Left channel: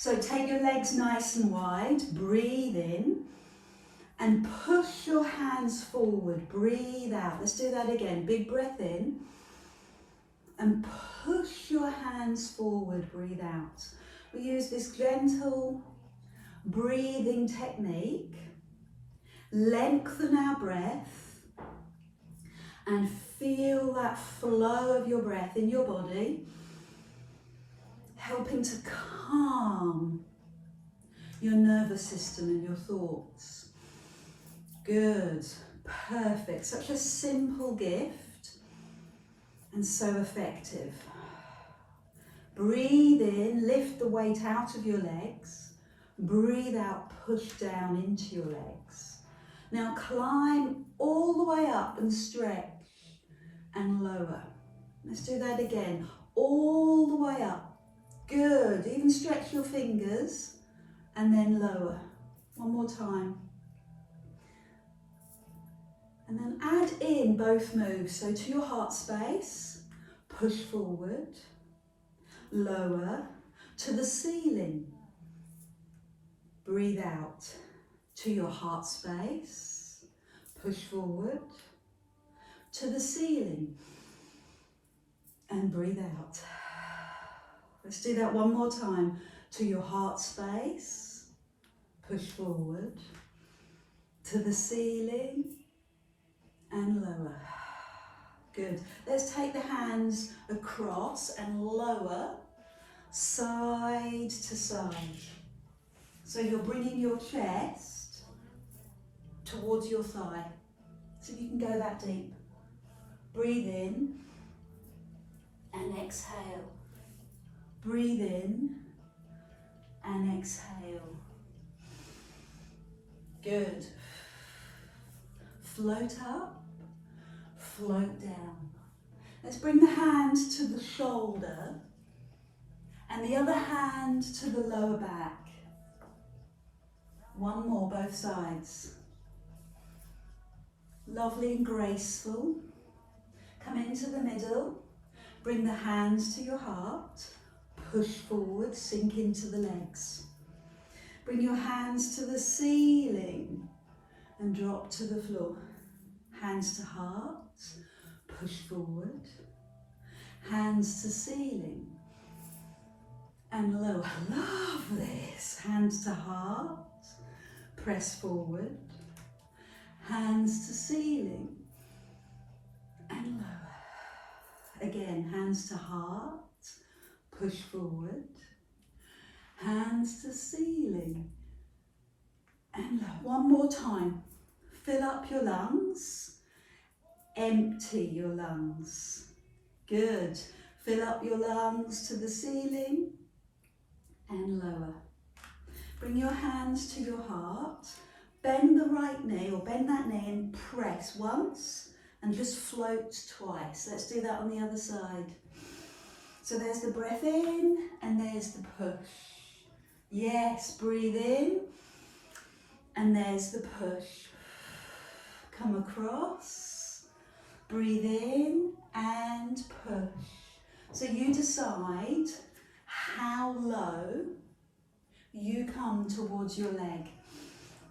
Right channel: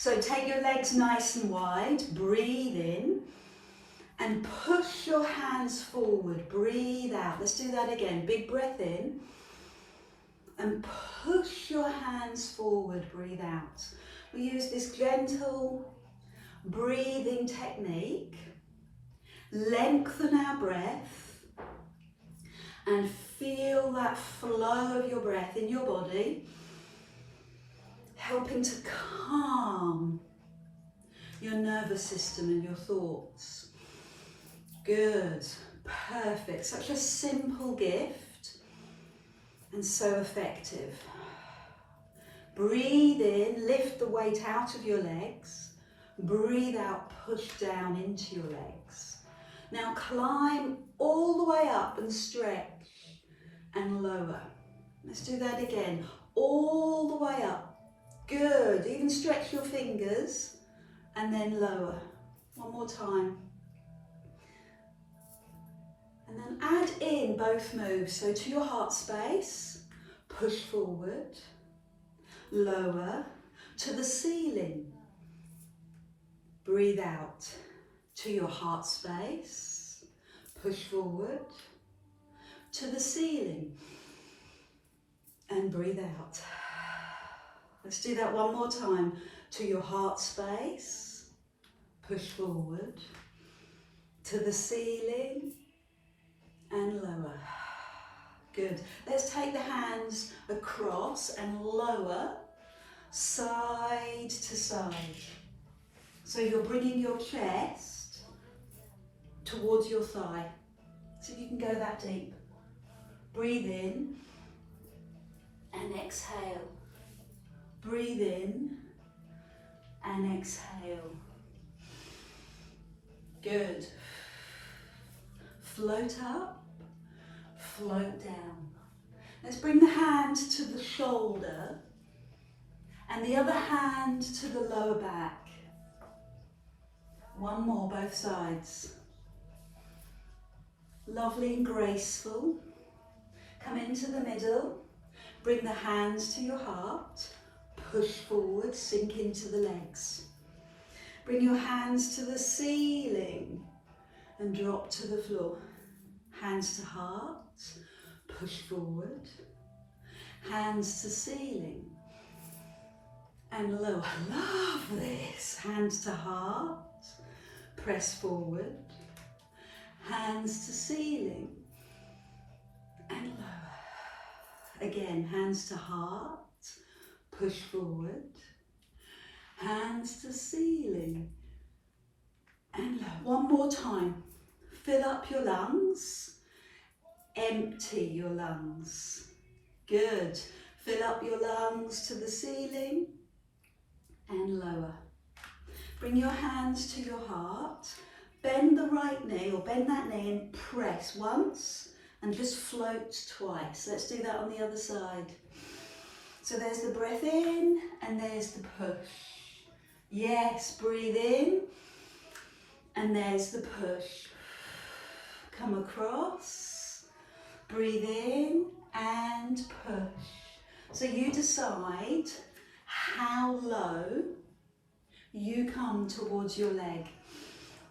So take your legs nice and wide, breathe in and push your hands forward, breathe out. Let's do that again, big breath in and push your hands forward, breathe out. We use this gentle breathing technique, lengthen our breath and feel that flow of your breath in your body, helping to calm your nervous system and your thoughts. Good, perfect. Such a simple gift and so effective. Breathe in, lift the weight out of your legs. Breathe out, push down into your legs. Now climb all the way up and stretch and lower. Let's do that again. All the way up. Good, even stretch your fingers and then lower. One more time. And then add in both moves. So to your heart space, push forward, lower, to the ceiling. Breathe out. To your heart space, push forward, to the ceiling. And breathe out. Let's do that one more time. To your heart space, push forward, to the ceiling and lower. Good. Let's take the hands across and lower, side to side. So you're bringing your chest towards your thigh. So you can go that deep. Breathe in and exhale. Breathe in and exhale. Good. Float up, float down. Let's bring the hand to the shoulder and the other hand to the lower back. One more, both sides. Lovely and graceful. Come into the middle. Bring the hands to your heart. Push forward, sink into the legs. Bring your hands to the ceiling and drop to the floor. Hands to heart, push forward. Hands to ceiling and lower. Love this. Hands to heart, press forward. Hands to ceiling and lower. Again, hands to heart. Push forward, hands to ceiling, and lower. One more time. Fill up your lungs, empty your lungs. Good. Fill up your lungs to the ceiling and lower. Bring your hands to your heart. Bend the right knee or bend that knee and press once and just float twice. Let's do that on the other side. So there's the breath in and there's the push. Yes, breathe in and there's the push. Come across, breathe in and push. So you decide how low you come towards your leg.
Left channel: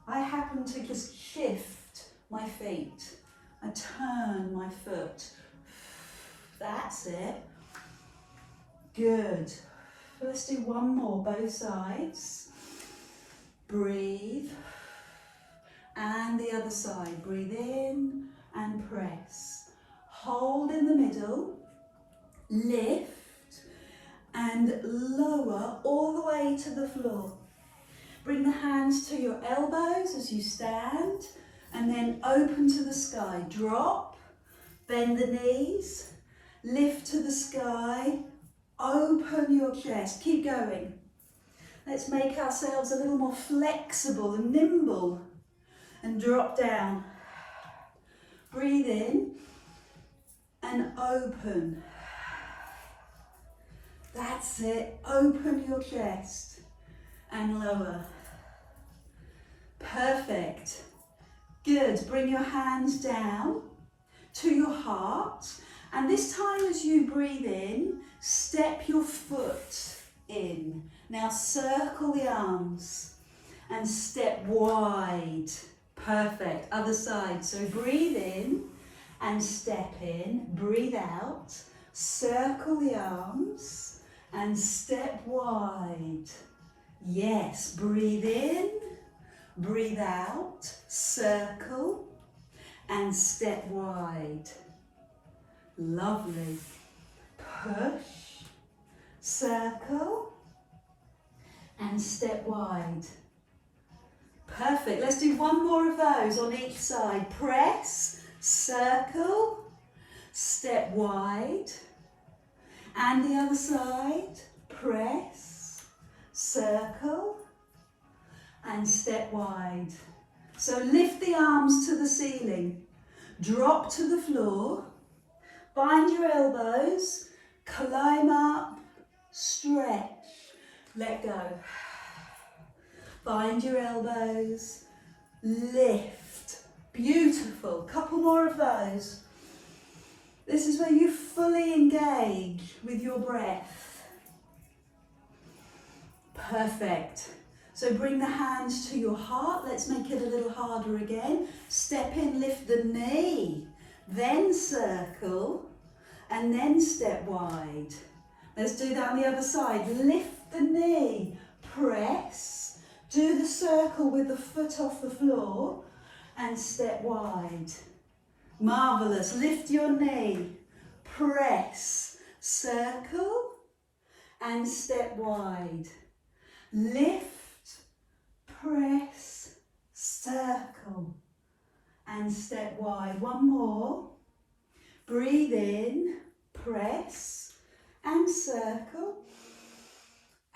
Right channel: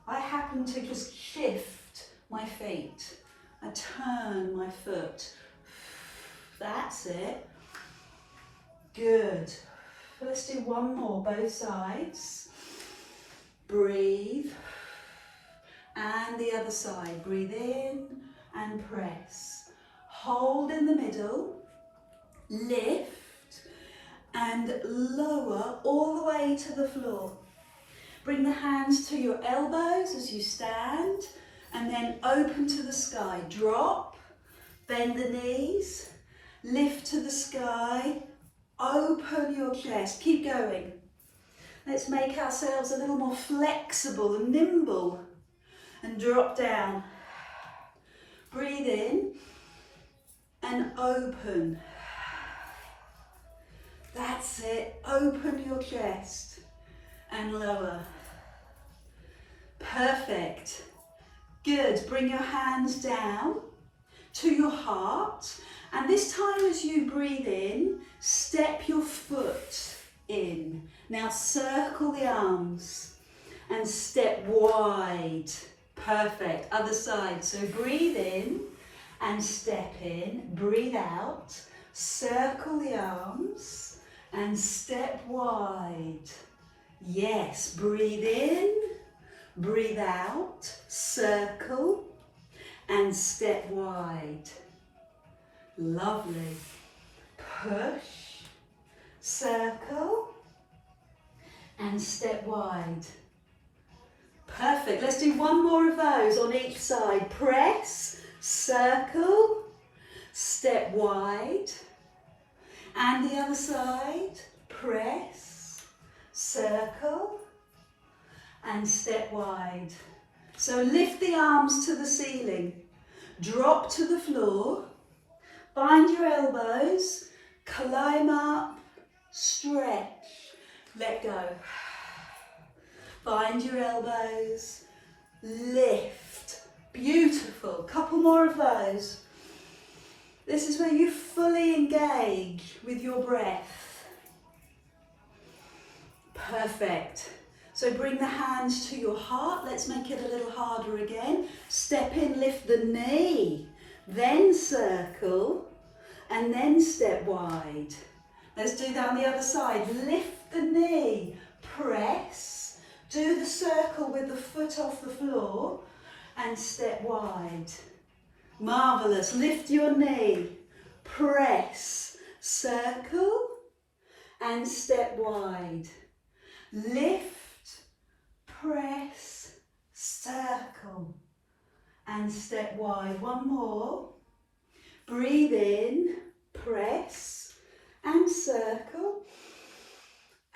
I happen to just shift my feet. I turn my foot. That's it. Good. Let's do one more, both sides. Breathe. And the other side. Breathe in and press. Hold in the middle. Lift and lower all the way to the floor. Bring the hands to your elbows as you stand and then open to the sky. Drop, bend the knees, lift to the sky. Open your chest, keep going. Let's make ourselves a little more flexible and nimble and drop down. Breathe in and open. That's it, open your chest and lower. Perfect. Good, bring your hands down to your heart. And this time as you breathe in, step your foot in Now circle the arms and step wide. Perfect. Other side. So breathe in and step in. Breathe out. Circle the arms and step wide. Yes. Breathe in. Breathe out. Circle and step wide. Lovely. Push. Circle and step wide. Perfect. Let's do one more of those on each side. Press, circle, step wide. And the other side. Press, circle, and step wide. So lift the arms to the ceiling. Drop to the floor. Find your elbows. Climb up. Stretch. Let go. Find your elbows, lift, beautiful, couple more of those. This is where you fully engage with your breath. Perfect. So bring the hands to your heart, let's make it a little harder again. Step in, lift the knee, then circle, and then step wide. Let's do that on the other side, lift the knee, press. Do the circle with the foot off the floor and step wide. Marvellous. Lift your knee, press, circle and step wide. Lift, press, circle and step wide. One more. Breathe in, press and circle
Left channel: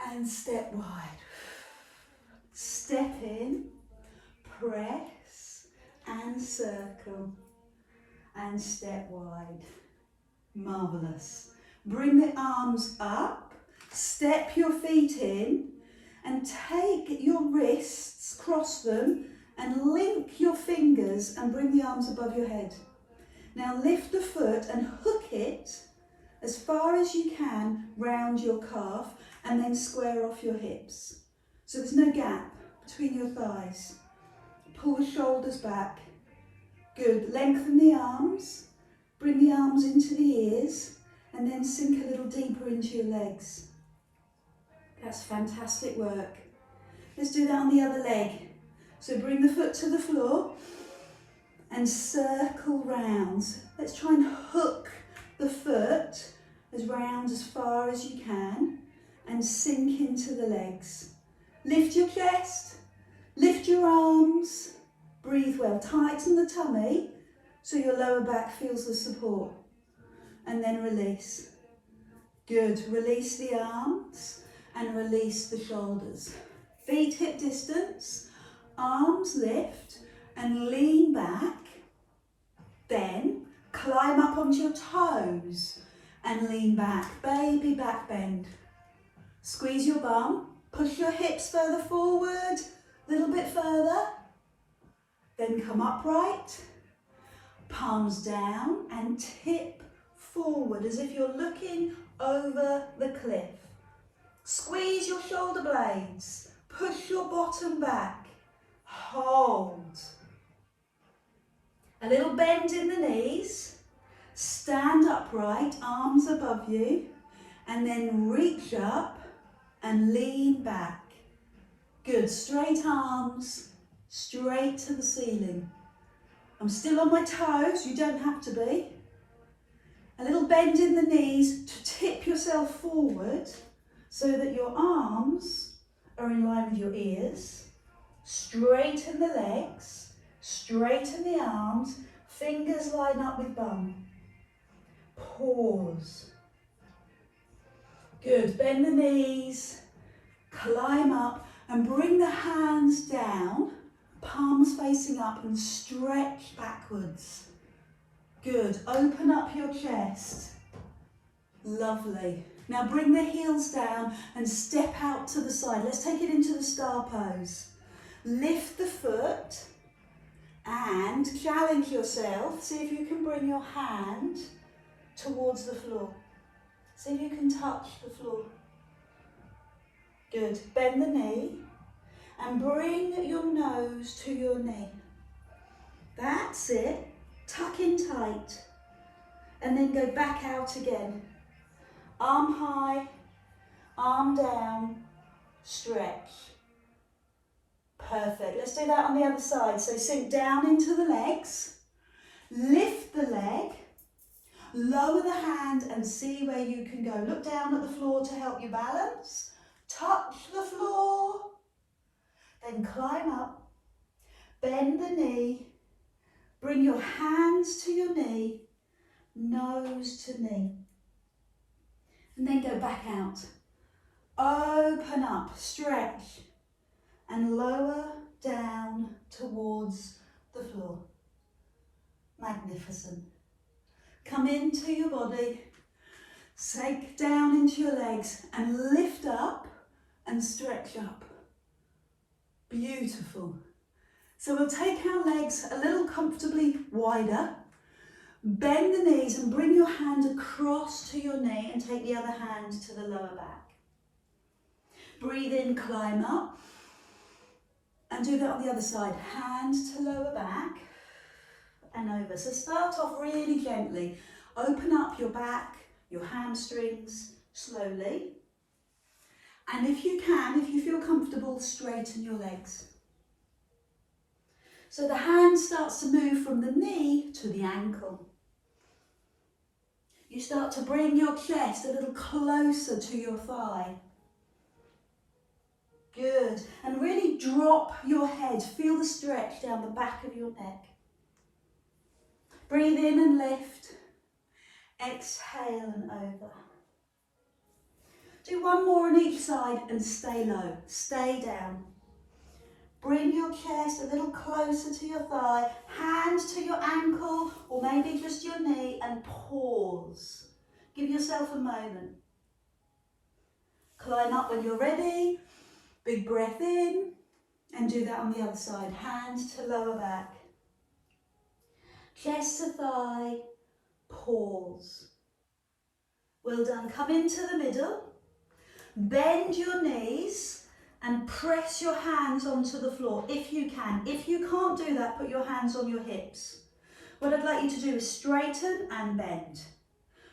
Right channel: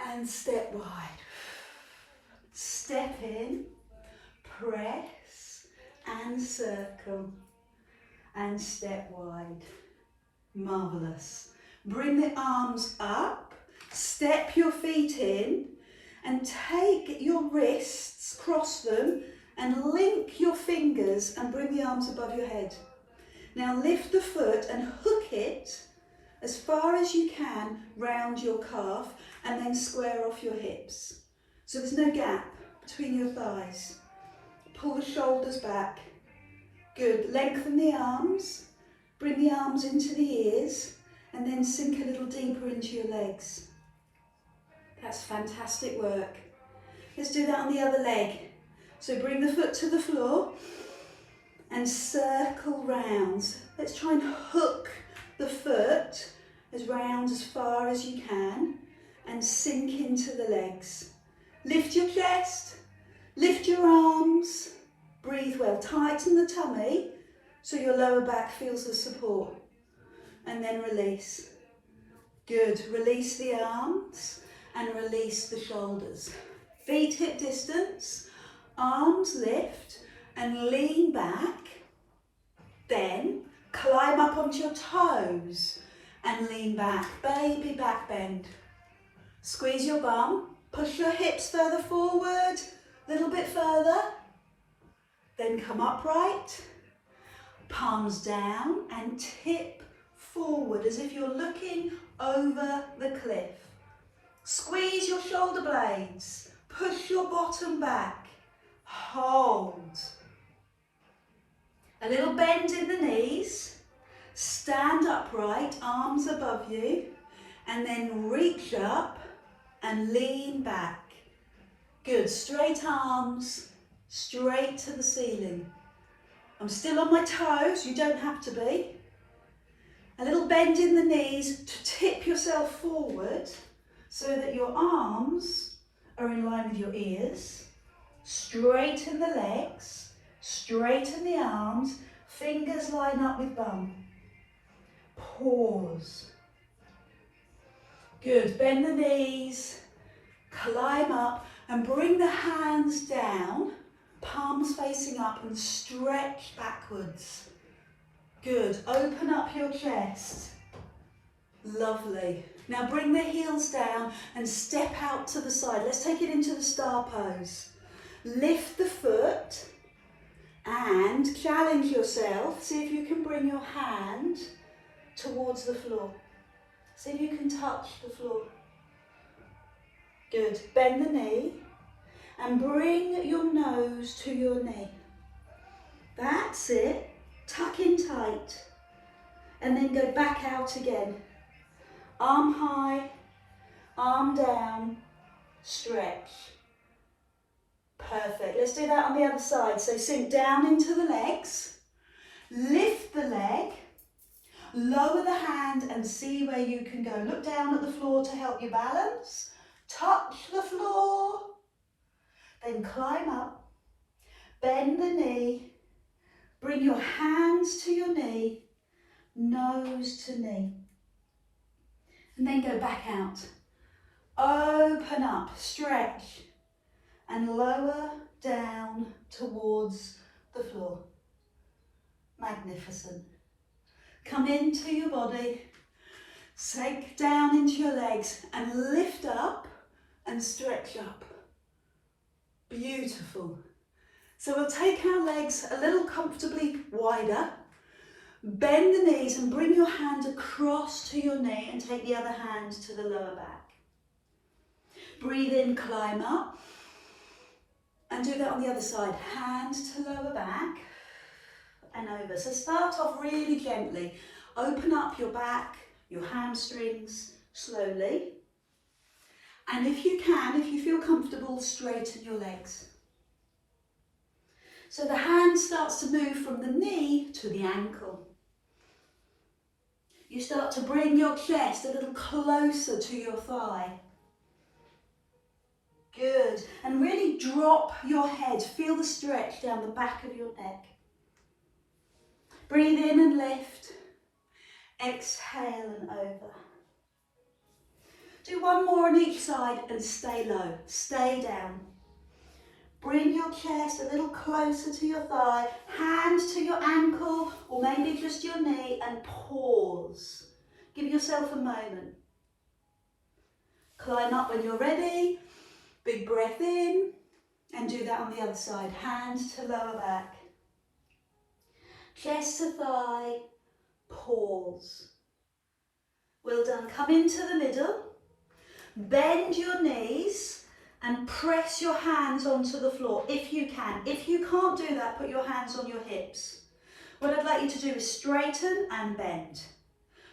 and step wide. Step in, press and circle and step wide. Marvellous. Bring the arms up, step your feet in and take your wrists, cross them and link your fingers and bring the arms above your head. Now lift the foot and hook it as far as you can round your calf and then square off your hips. So there's no gap between your thighs. Pull the shoulders back. Good. Lengthen the arms. Bring the arms into the ears and then sink a little deeper into your legs. That's fantastic work. Let's do that on the other leg. So bring the foot to the floor and circle round. Let's try and hook the foot as round as far as you can and sink into the legs. Lift your chest, lift your arms, breathe well, tighten the tummy so your lower back feels the support and then release. Good, release the arms and release the shoulders. Feet hip distance, arms lift and lean back, then climb up onto your toes and lean back, baby back bend. Squeeze your bum. Push your hips further forward, a little bit further. Then come upright, palms down and tip forward as if you're looking over the cliff. Squeeze your shoulder blades, push your bottom back, hold. A little bend in the knees, stand upright, arms above you, and then reach up and lean back. Good, straight arms, straight to the ceiling. I'm still on my toes, you don't have to be. A little bend in the knees to tip yourself forward so that your arms are in line with your ears. Straighten the legs, straighten the arms, fingers line up with bum. Pause. Good, bend the knees, climb up and bring the hands down, palms facing up and stretch backwards. Good, open up your chest. Lovely. Now bring the heels down and step out to the side. Let's take it into the star pose. Lift the foot and challenge yourself. See if you can bring your hand towards the floor. See if you can touch the floor. Good. Bend the knee and bring your nose to your knee. That's it. Tuck in tight. And then go back out again. Arm high, arm down, stretch. Perfect. Let's do that on the other side. So sink down into the legs, lift the leg, lower the hand and see where you can go. Look down at the floor to help you balance. Touch the floor, then climb up, bend the knee, bring your hands to your knee, nose to knee. And then go back out. Open up, stretch, and lower down towards the floor. Magnificent. Come into your body, sink down into your legs and lift up and stretch up. Beautiful. So we'll take our legs a little comfortably wider, bend the knees and bring your hand across to your knee and take the other hand to the lower back. Breathe in, climb up, and do that on the other side. Hand to lower back and over. So start off really gently. Open up your back, your hamstrings, slowly. And if you can, if you feel comfortable, straighten your legs. So the hand starts to move from the knee to the ankle. You start to bring your chest a little closer to your thigh. Good. And really drop your head. Feel the stretch down the back of your neck. Breathe in and lift. Exhale and over. Do one more on each side and stay low. Stay down. Bring your chest a little closer to your thigh. Hand to your ankle or maybe just your knee and pause. Give yourself a moment. Climb up when you're ready. Big breath in and do that on the other side. Hand to lower back. Chest to thigh. Pause. Well done. Come into the middle. Bend your knees and press your hands onto the floor if you can. If you can't do that, put your hands on your hips. What I'd like you to do is straighten and bend.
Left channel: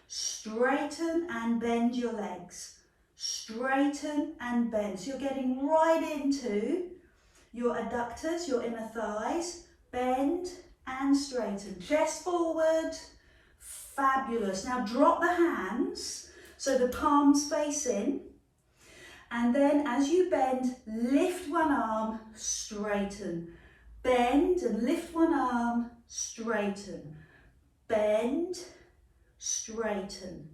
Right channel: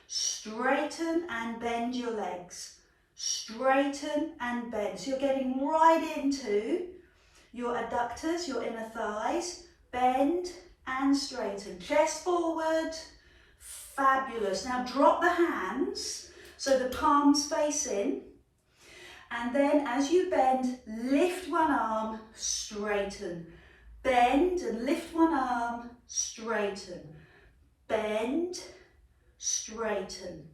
Straighten and bend your legs. Straighten and bend. So you're getting right into your adductors, your inner thighs. Bend and straighten. Chest forward. Fabulous. Now drop the hands so the palms face in. And then as you bend, lift one arm, straighten. Bend and lift one arm, straighten. Bend, straighten.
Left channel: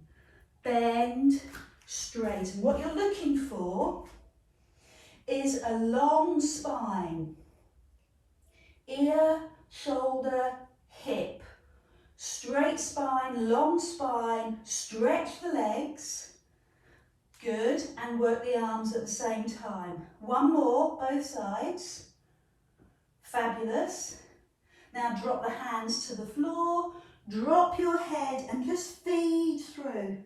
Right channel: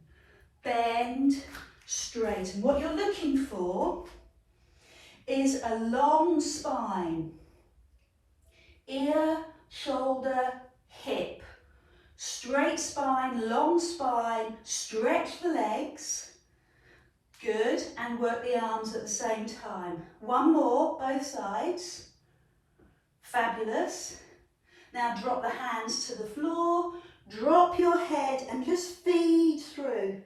Bend, straighten. What you're looking for is a long spine. Ear, shoulder, hip. Straight spine, long spine, stretch the legs. Good, and work the arms at the same time. One more, both sides. Fabulous. Now drop the hands to the floor, drop your head and just feed through.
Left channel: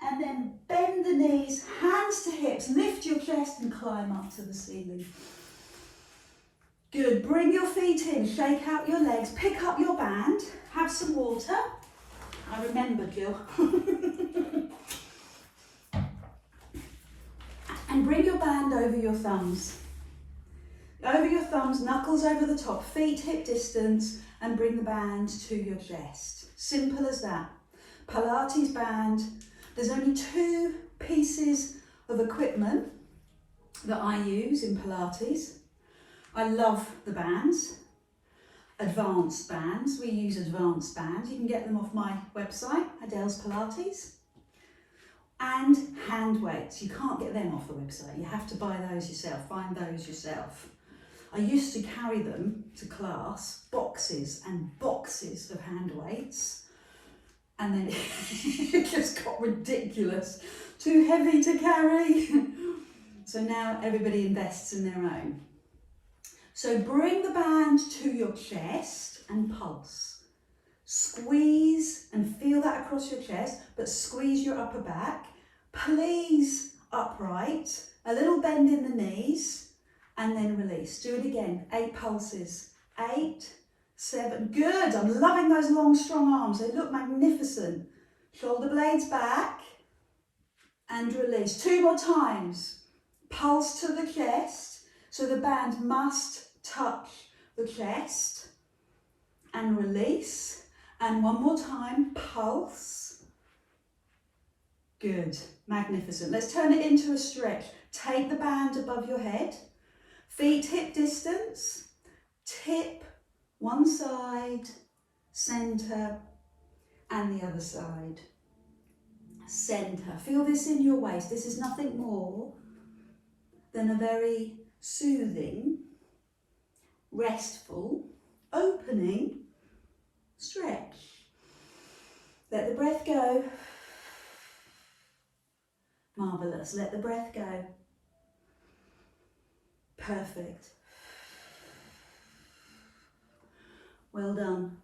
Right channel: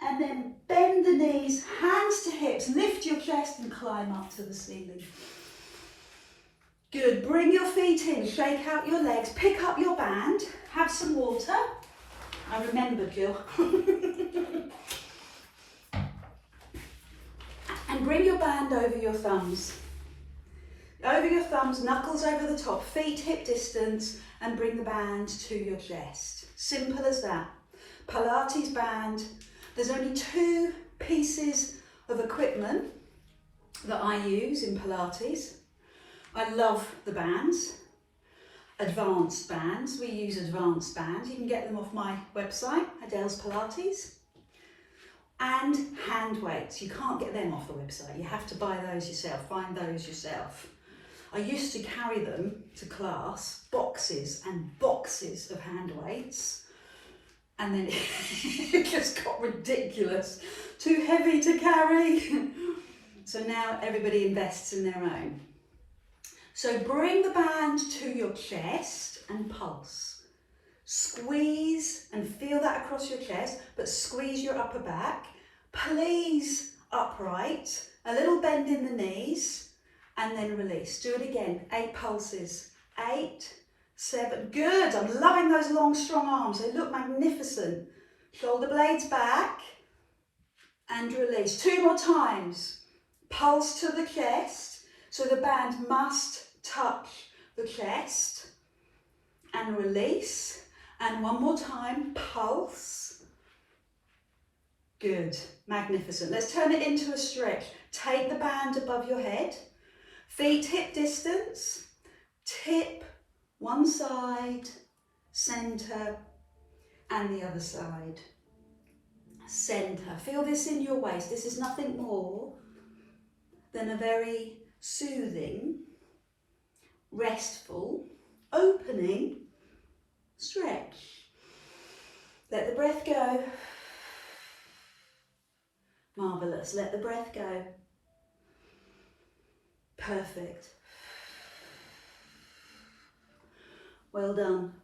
And then bend the knees, hands to hips, lift your chest and climb up to the ceiling. Good, bring your feet in, shake out your legs, pick up your band, have some water. I remembered, Jill. And bring your band over your thumbs. Over your thumbs, knuckles over the top, feet hip distance, and bring the band to your chest. Simple as that. Pilates band. There's only 2 pieces of equipment that I use in Pilates. I love the bands. Advanced bands. We use advanced bands. You can get them off my website, Adele's Pilates. And hand weights. You can't get them off the website. You have to buy those yourself, find those yourself. I used to carry them to class, boxes and boxes of hand weights. And then it just got ridiculous. Too heavy to carry. So now everybody invests in their own. So bring the band to your chest and pulse. Squeeze and feel that across your chest, but squeeze your upper back. Please upright. 8, a little bend in the knees, and then release. Do it again, 8 pulses. 8, 7, good. I'm loving those long, strong arms. They look magnificent. Shoulder blades back, and release. 2 more times. Pulse to the chest, so the band must touch the chest, and release. And 1 more time, pulse. Good, magnificent. Let's turn it into a stretch. Take the band above your head, feet hip distance, tip one side, centre, and the other side. Centre. Feel this in your waist. This is nothing more than a very soothing, restful, opening stretch. Let the breath go. Marvellous. Let the breath go. Perfect. Well done.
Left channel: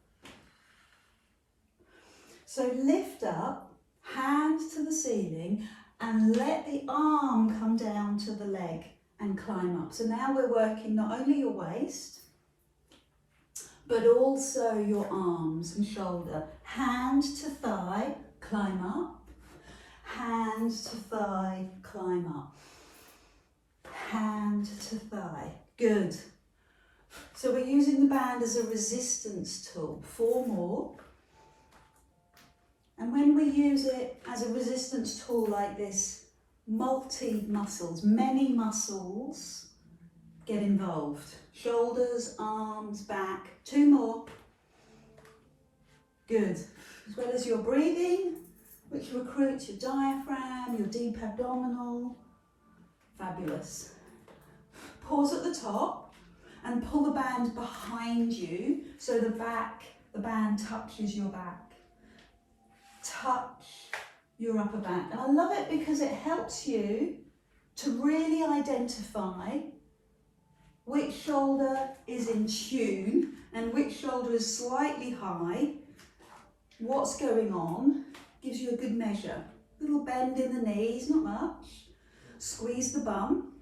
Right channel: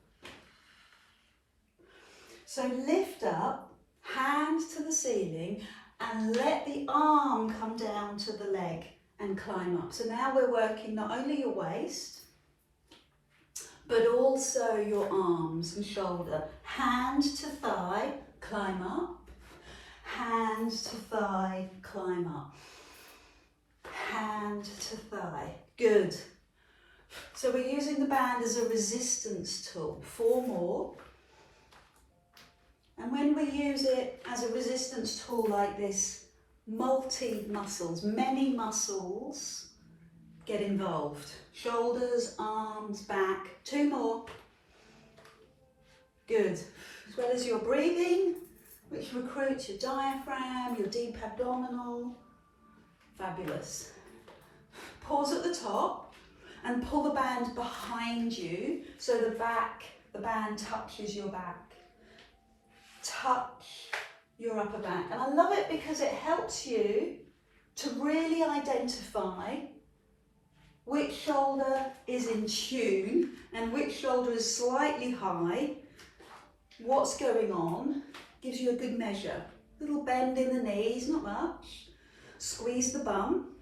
So lift up, hands to the ceiling, and let the arm come down to the leg and climb up. So now we're working not only your waist, but also your arms and shoulder. Hand to thigh, climb up. Hand to thigh, climb up. Hand to thigh. Good. So we're using the band as a resistance tool. 4 more. And when we use it as a resistance tool like this, multi-muscles, many muscles get involved. Shoulders, arms, back. 2 more. Good. As well as your breathing, which recruits your diaphragm, your deep abdominal. Fabulous. Pause at the top and pull the band behind you so the band touches your back. Touch your upper back. And I love it because it helps you to really identify which shoulder is in tune and which shoulder is slightly high. What's going on gives you a good measure. Little bend in the knees, not much. Squeeze the bum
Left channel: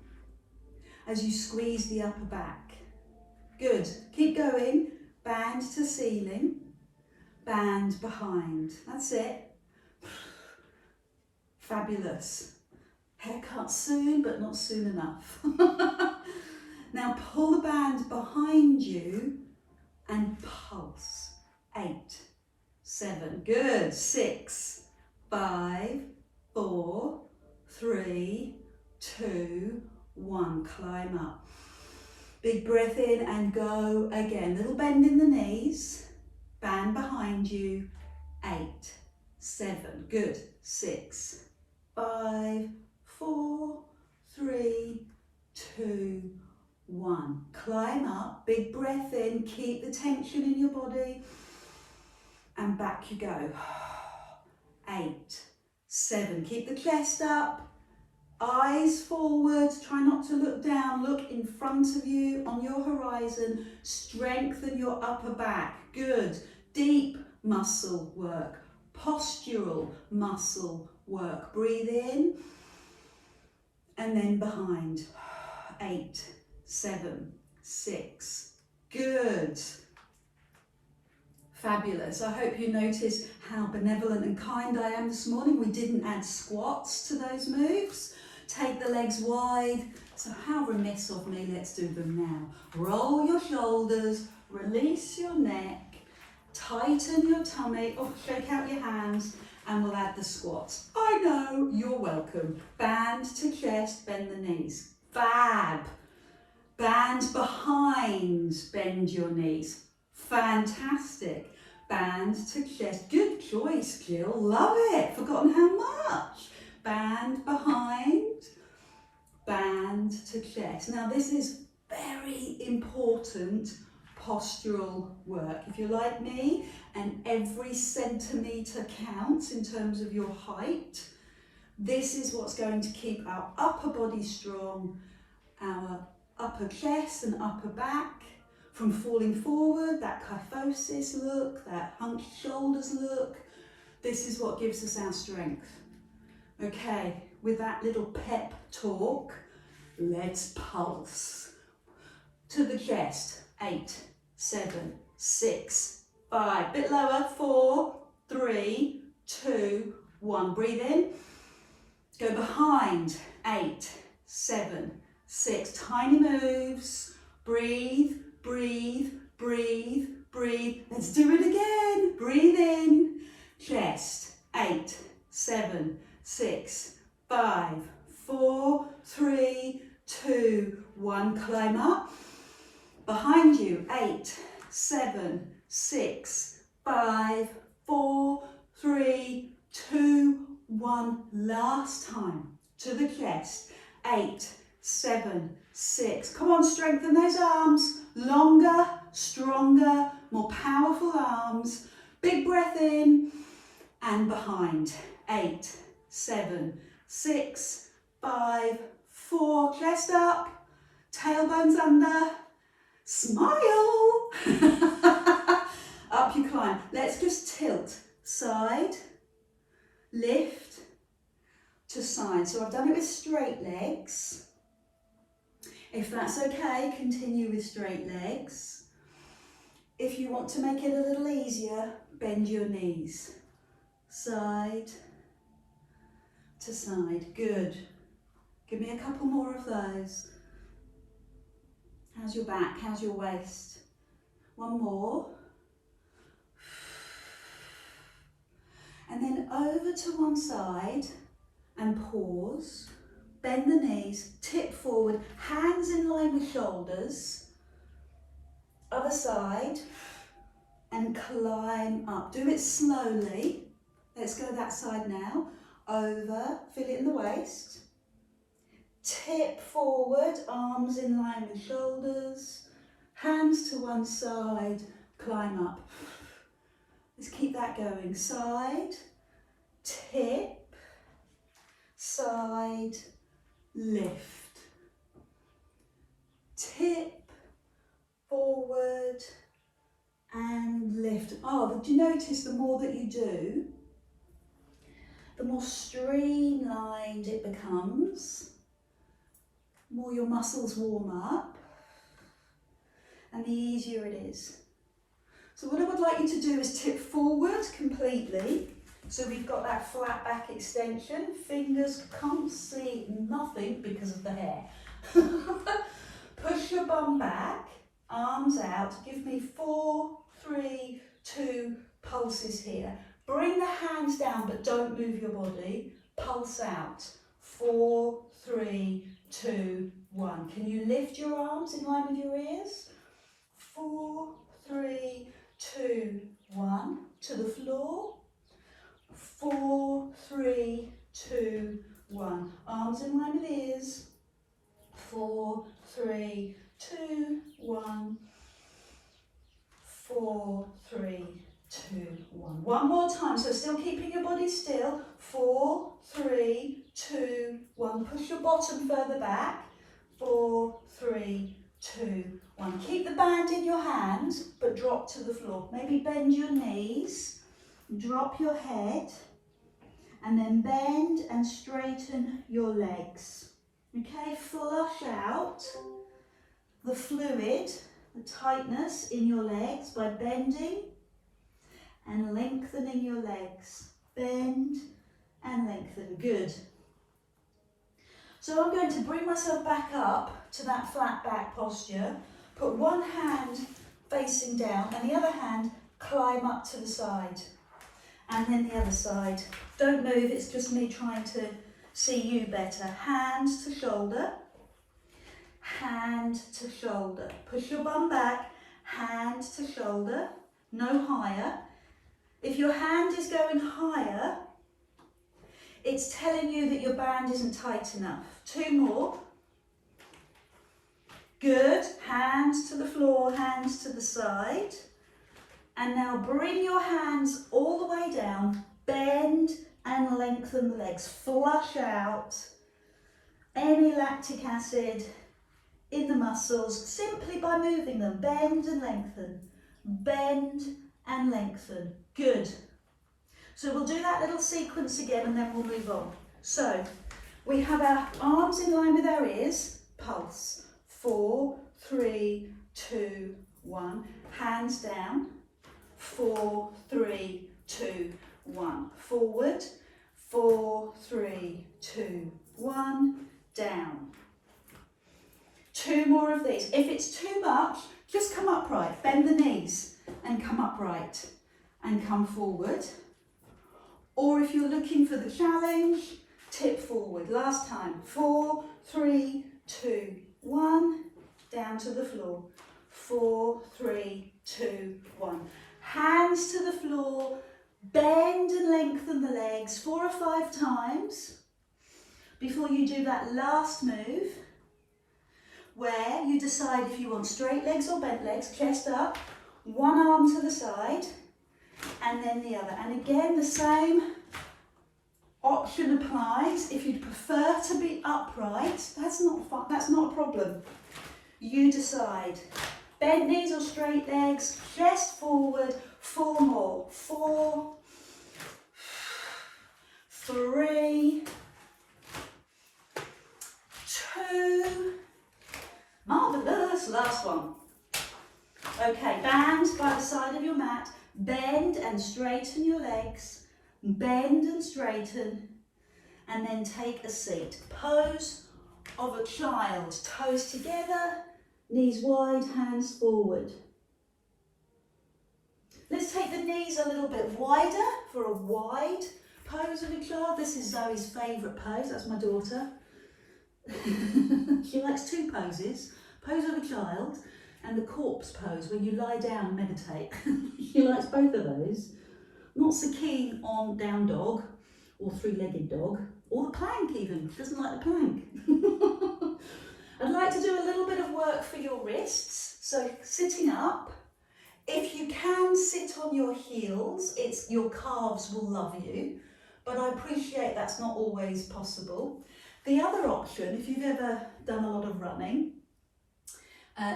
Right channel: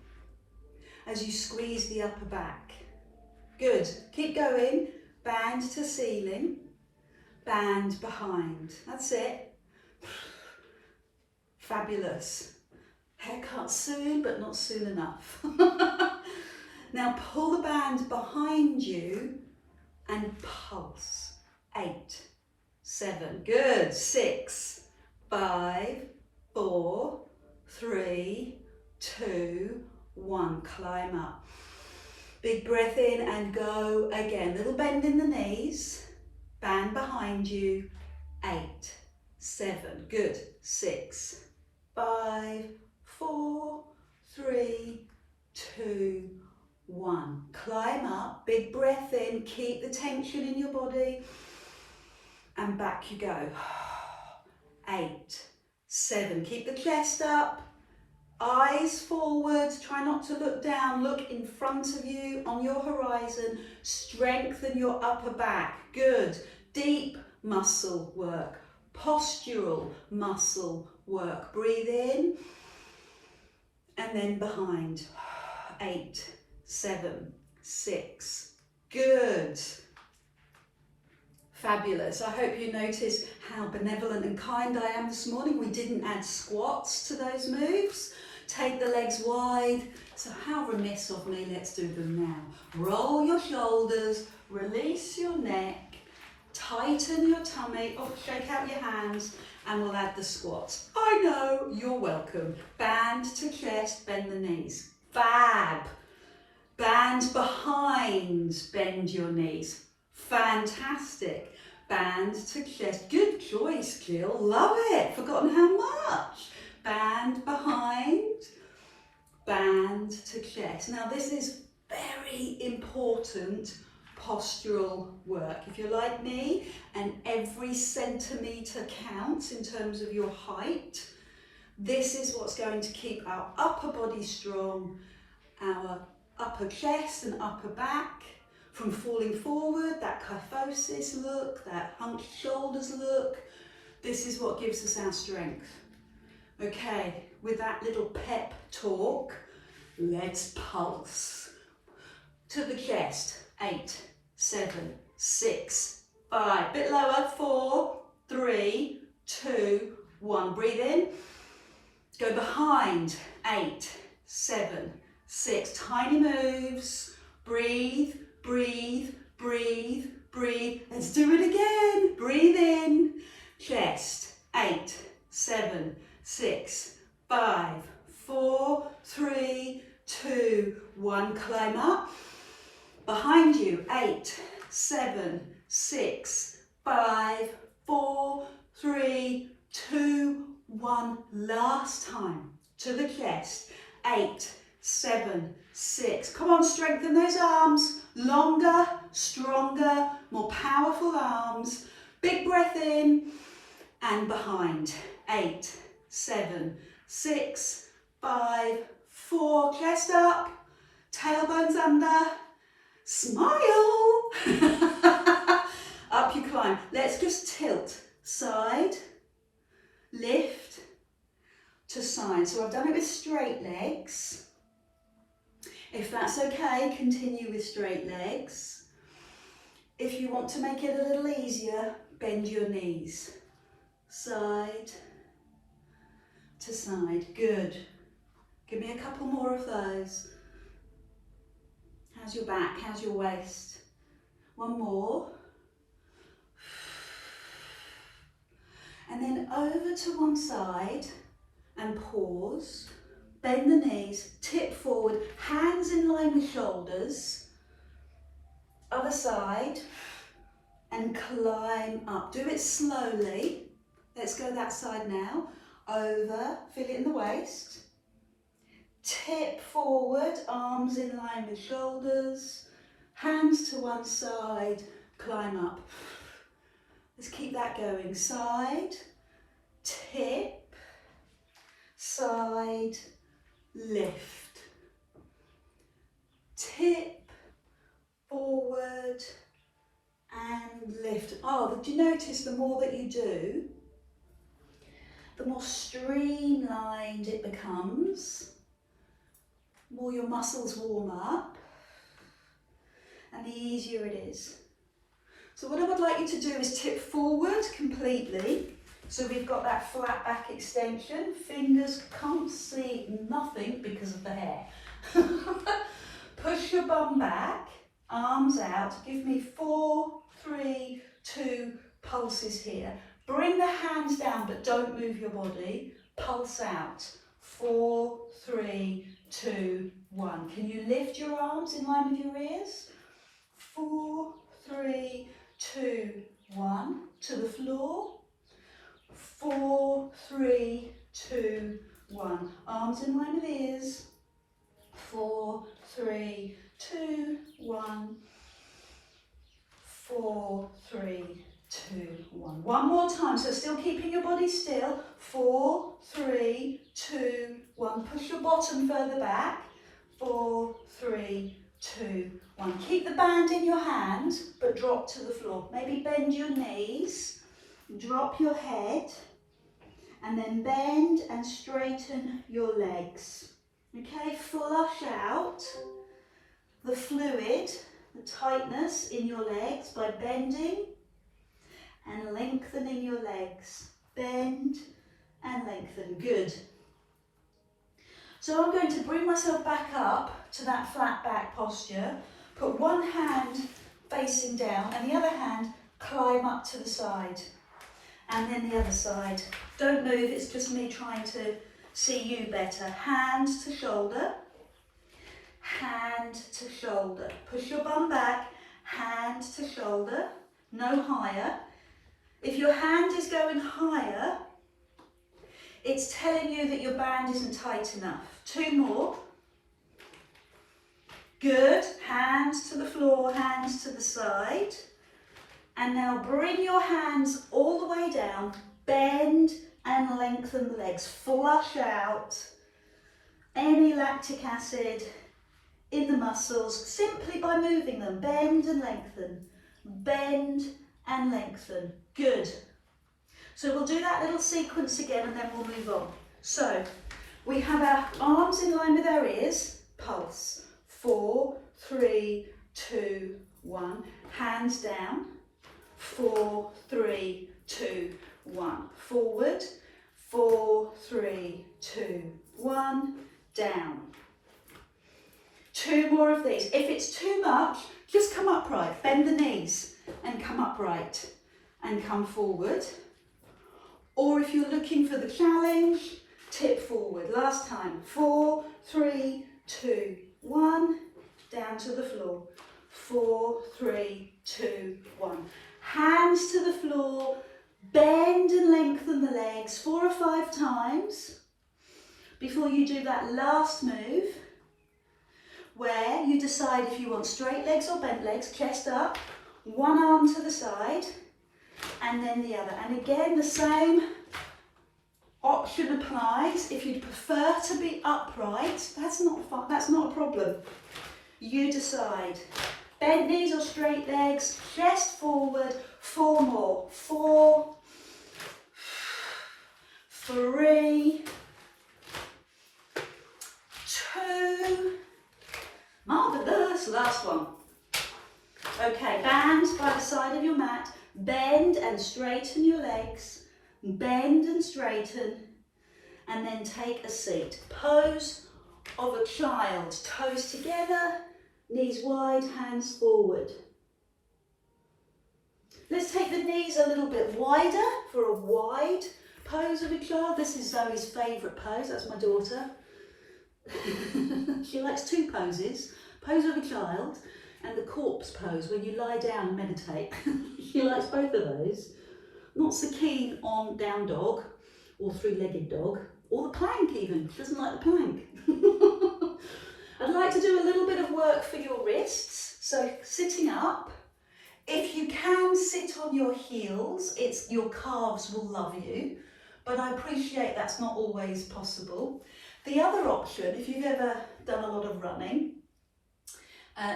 as you squeeze the upper back. Good. Keep going. Band to ceiling. Band behind. That's it. Fabulous. Haircut soon, but not soon enough. Now pull the band behind you and pulse. 8, 7, good. 6, 5, 4, 3, 2, 1. Climb up. Big breath in and go again. Little bend in the knees. Band behind you. 8, 7, good. 6, 5, 4, 3, 2, 1. Climb up. Big breath in. Keep the tension in your body. And back you go. 8, 7. Keep the chest up. Eyes forward. Try not to look down. Look in front of you on your horizon. Strengthen your upper back. Good. Deep muscle work. Postural muscle work. Breathe in and then behind. 8, 7, 6. Good. Fabulous. I hope you notice how benevolent and kind I am this morning. We didn't add squats to those moves. Take the legs wide. So how remiss of me. Let's do them now. Roll your shoulders, release your neck, tighten your tummy, shake out your hands, and we'll add the squats. I know, you're welcome. Band to chest, bend the knees. Fab. Band behind, bend your knees. Fantastic. Band to chest. Good choice, Jill. Love it. Forgotten how much. Band behind, band to chest. Now this is very important postural work. If you're like me and every centimetre counts in terms of your height, this is what's going to keep our upper body strong, our upper chest and upper back from falling forward, that kyphosis look, that hunched shoulders look. This is what gives us our strength. Okay, with that little pep talk, let's pulse. To the chest, 8, 7, 6, 5, bit lower, 4, 3, 2, 1, breathe in, go behind, 8, 7, 6, tiny moves, breathe, breathe, breathe, breathe, let's do it again, breathe in, chest, 8, 7, 6, 5, 4, 3, 2, 1, climb up, behind you, 8, 7, 6, 5, 4, 3, 2, 1, last time, to the chest, 8, 7, 6, come on, strengthen those arms, longer, stronger, more powerful arms, big breath in, and behind, 8, 7, 6, 5, 4, chest up, tailbones under, smile, up you climb. Let's just tilt, side, lift to side. So I've done it with straight legs. If that's okay, continue with straight legs. If you want to make it a little easier, bend your knees, side to side, good. Give me a couple more of those. How's your back? How's your waist? One more. And then over to one side and pause. Bend the knees, tip forward, hands in line with shoulders. Other side and climb up. Do it slowly. Let's go that side now. Over, feel it in the waist. Tip forward, arms in line with shoulders, hands to one side, climb up. Let's keep that going. Side, tip, side, lift. Tip, forward, and lift. Oh, did you notice the more that you do, the more streamlined it becomes? More your muscles warm up and the easier it is. So what I would like you to do is tip forward completely. So we've got that flat back extension. Fingers can't see nothing because of the hair. Push your bum back, arms out. Give me 4, 3, 2 pulses here. Bring the hands down but don't move your body. Pulse out. 4, 3, 2, 1. Can you lift your arms in line with your ears? 4, 3, 2, 1. To the floor. 4, 3, 2, 1. Arms in line with ears. 4, 3, 2, 1. 4, 3, 2, 1. One more time. So still keeping your body still. 4, 3, 2, 1. Push your bottom further back. 4, 3, 2, 1. Keep the band in your hand, but drop to the floor. Maybe bend your knees, drop your head, and then bend and straighten your legs. Okay, flush out the fluid, the tightness in your legs by bending and lengthening your legs. Bend and lengthen. Good. So I'm going to bring myself back up to that flat back posture. Put one hand facing down and the other hand climb up to the side. And then the other side. Don't move, it's just me trying to see you better. Hand to shoulder. Hand to shoulder. Push your bum back. Hand to shoulder. No higher. If your hand is going higher, it's telling you that your band isn't tight enough. 2 more. Good. Hands to the floor, hands to the side. And now bring your hands all the way down. Bend and lengthen the legs. Flush out any lactic acid in the muscles simply by moving them. Bend and lengthen. Bend and lengthen. Good. So we'll do that little sequence again and then we'll move on. So We have our arms in line with our ears, pulse. 4, 3, 2, 1. Hands down. 4, 3, 2, 1. Forward. 4, 3, 2, 1. Down. 2 more of these. If it's too much, just come upright. Bend the knees and come upright and come forward. Or if you're looking for the challenge, tip forward. Last time. 4, 3, 2, 1. Down to the floor. 4, 3, 2, 1. Hands to the floor. Bend and lengthen the legs 4 or 5 times before you do that last move, where you decide if you want straight legs or bent legs, chest up, one arm to the side, and then the other. And again, the same option applies. If you'd prefer to be upright, that's not a problem. You decide. Bent knees or straight legs, chest forward, 4 more. 4, 3, 2, marvellous, last one. Okay, bands by the side of your mat, bend and straighten your legs, bend and straighten, and then take a seat. Pose of a child, toes together, knees wide, hands forward. Let's take the knees a little bit wider for a wide pose of a child. This is Zoe's favourite pose, that's my daughter. She likes 2 poses, pose of a child and the corpse pose when you lie down and meditate. She likes both of those. Not so keen on down dog or 3-legged dog or the plank even, doesn't like the plank. I'd like to do a little bit of work for your wrists. So sitting up, if you can sit on your heels, your calves will love you, but I appreciate that's not always possible. The other option, if you've ever done a lot of running,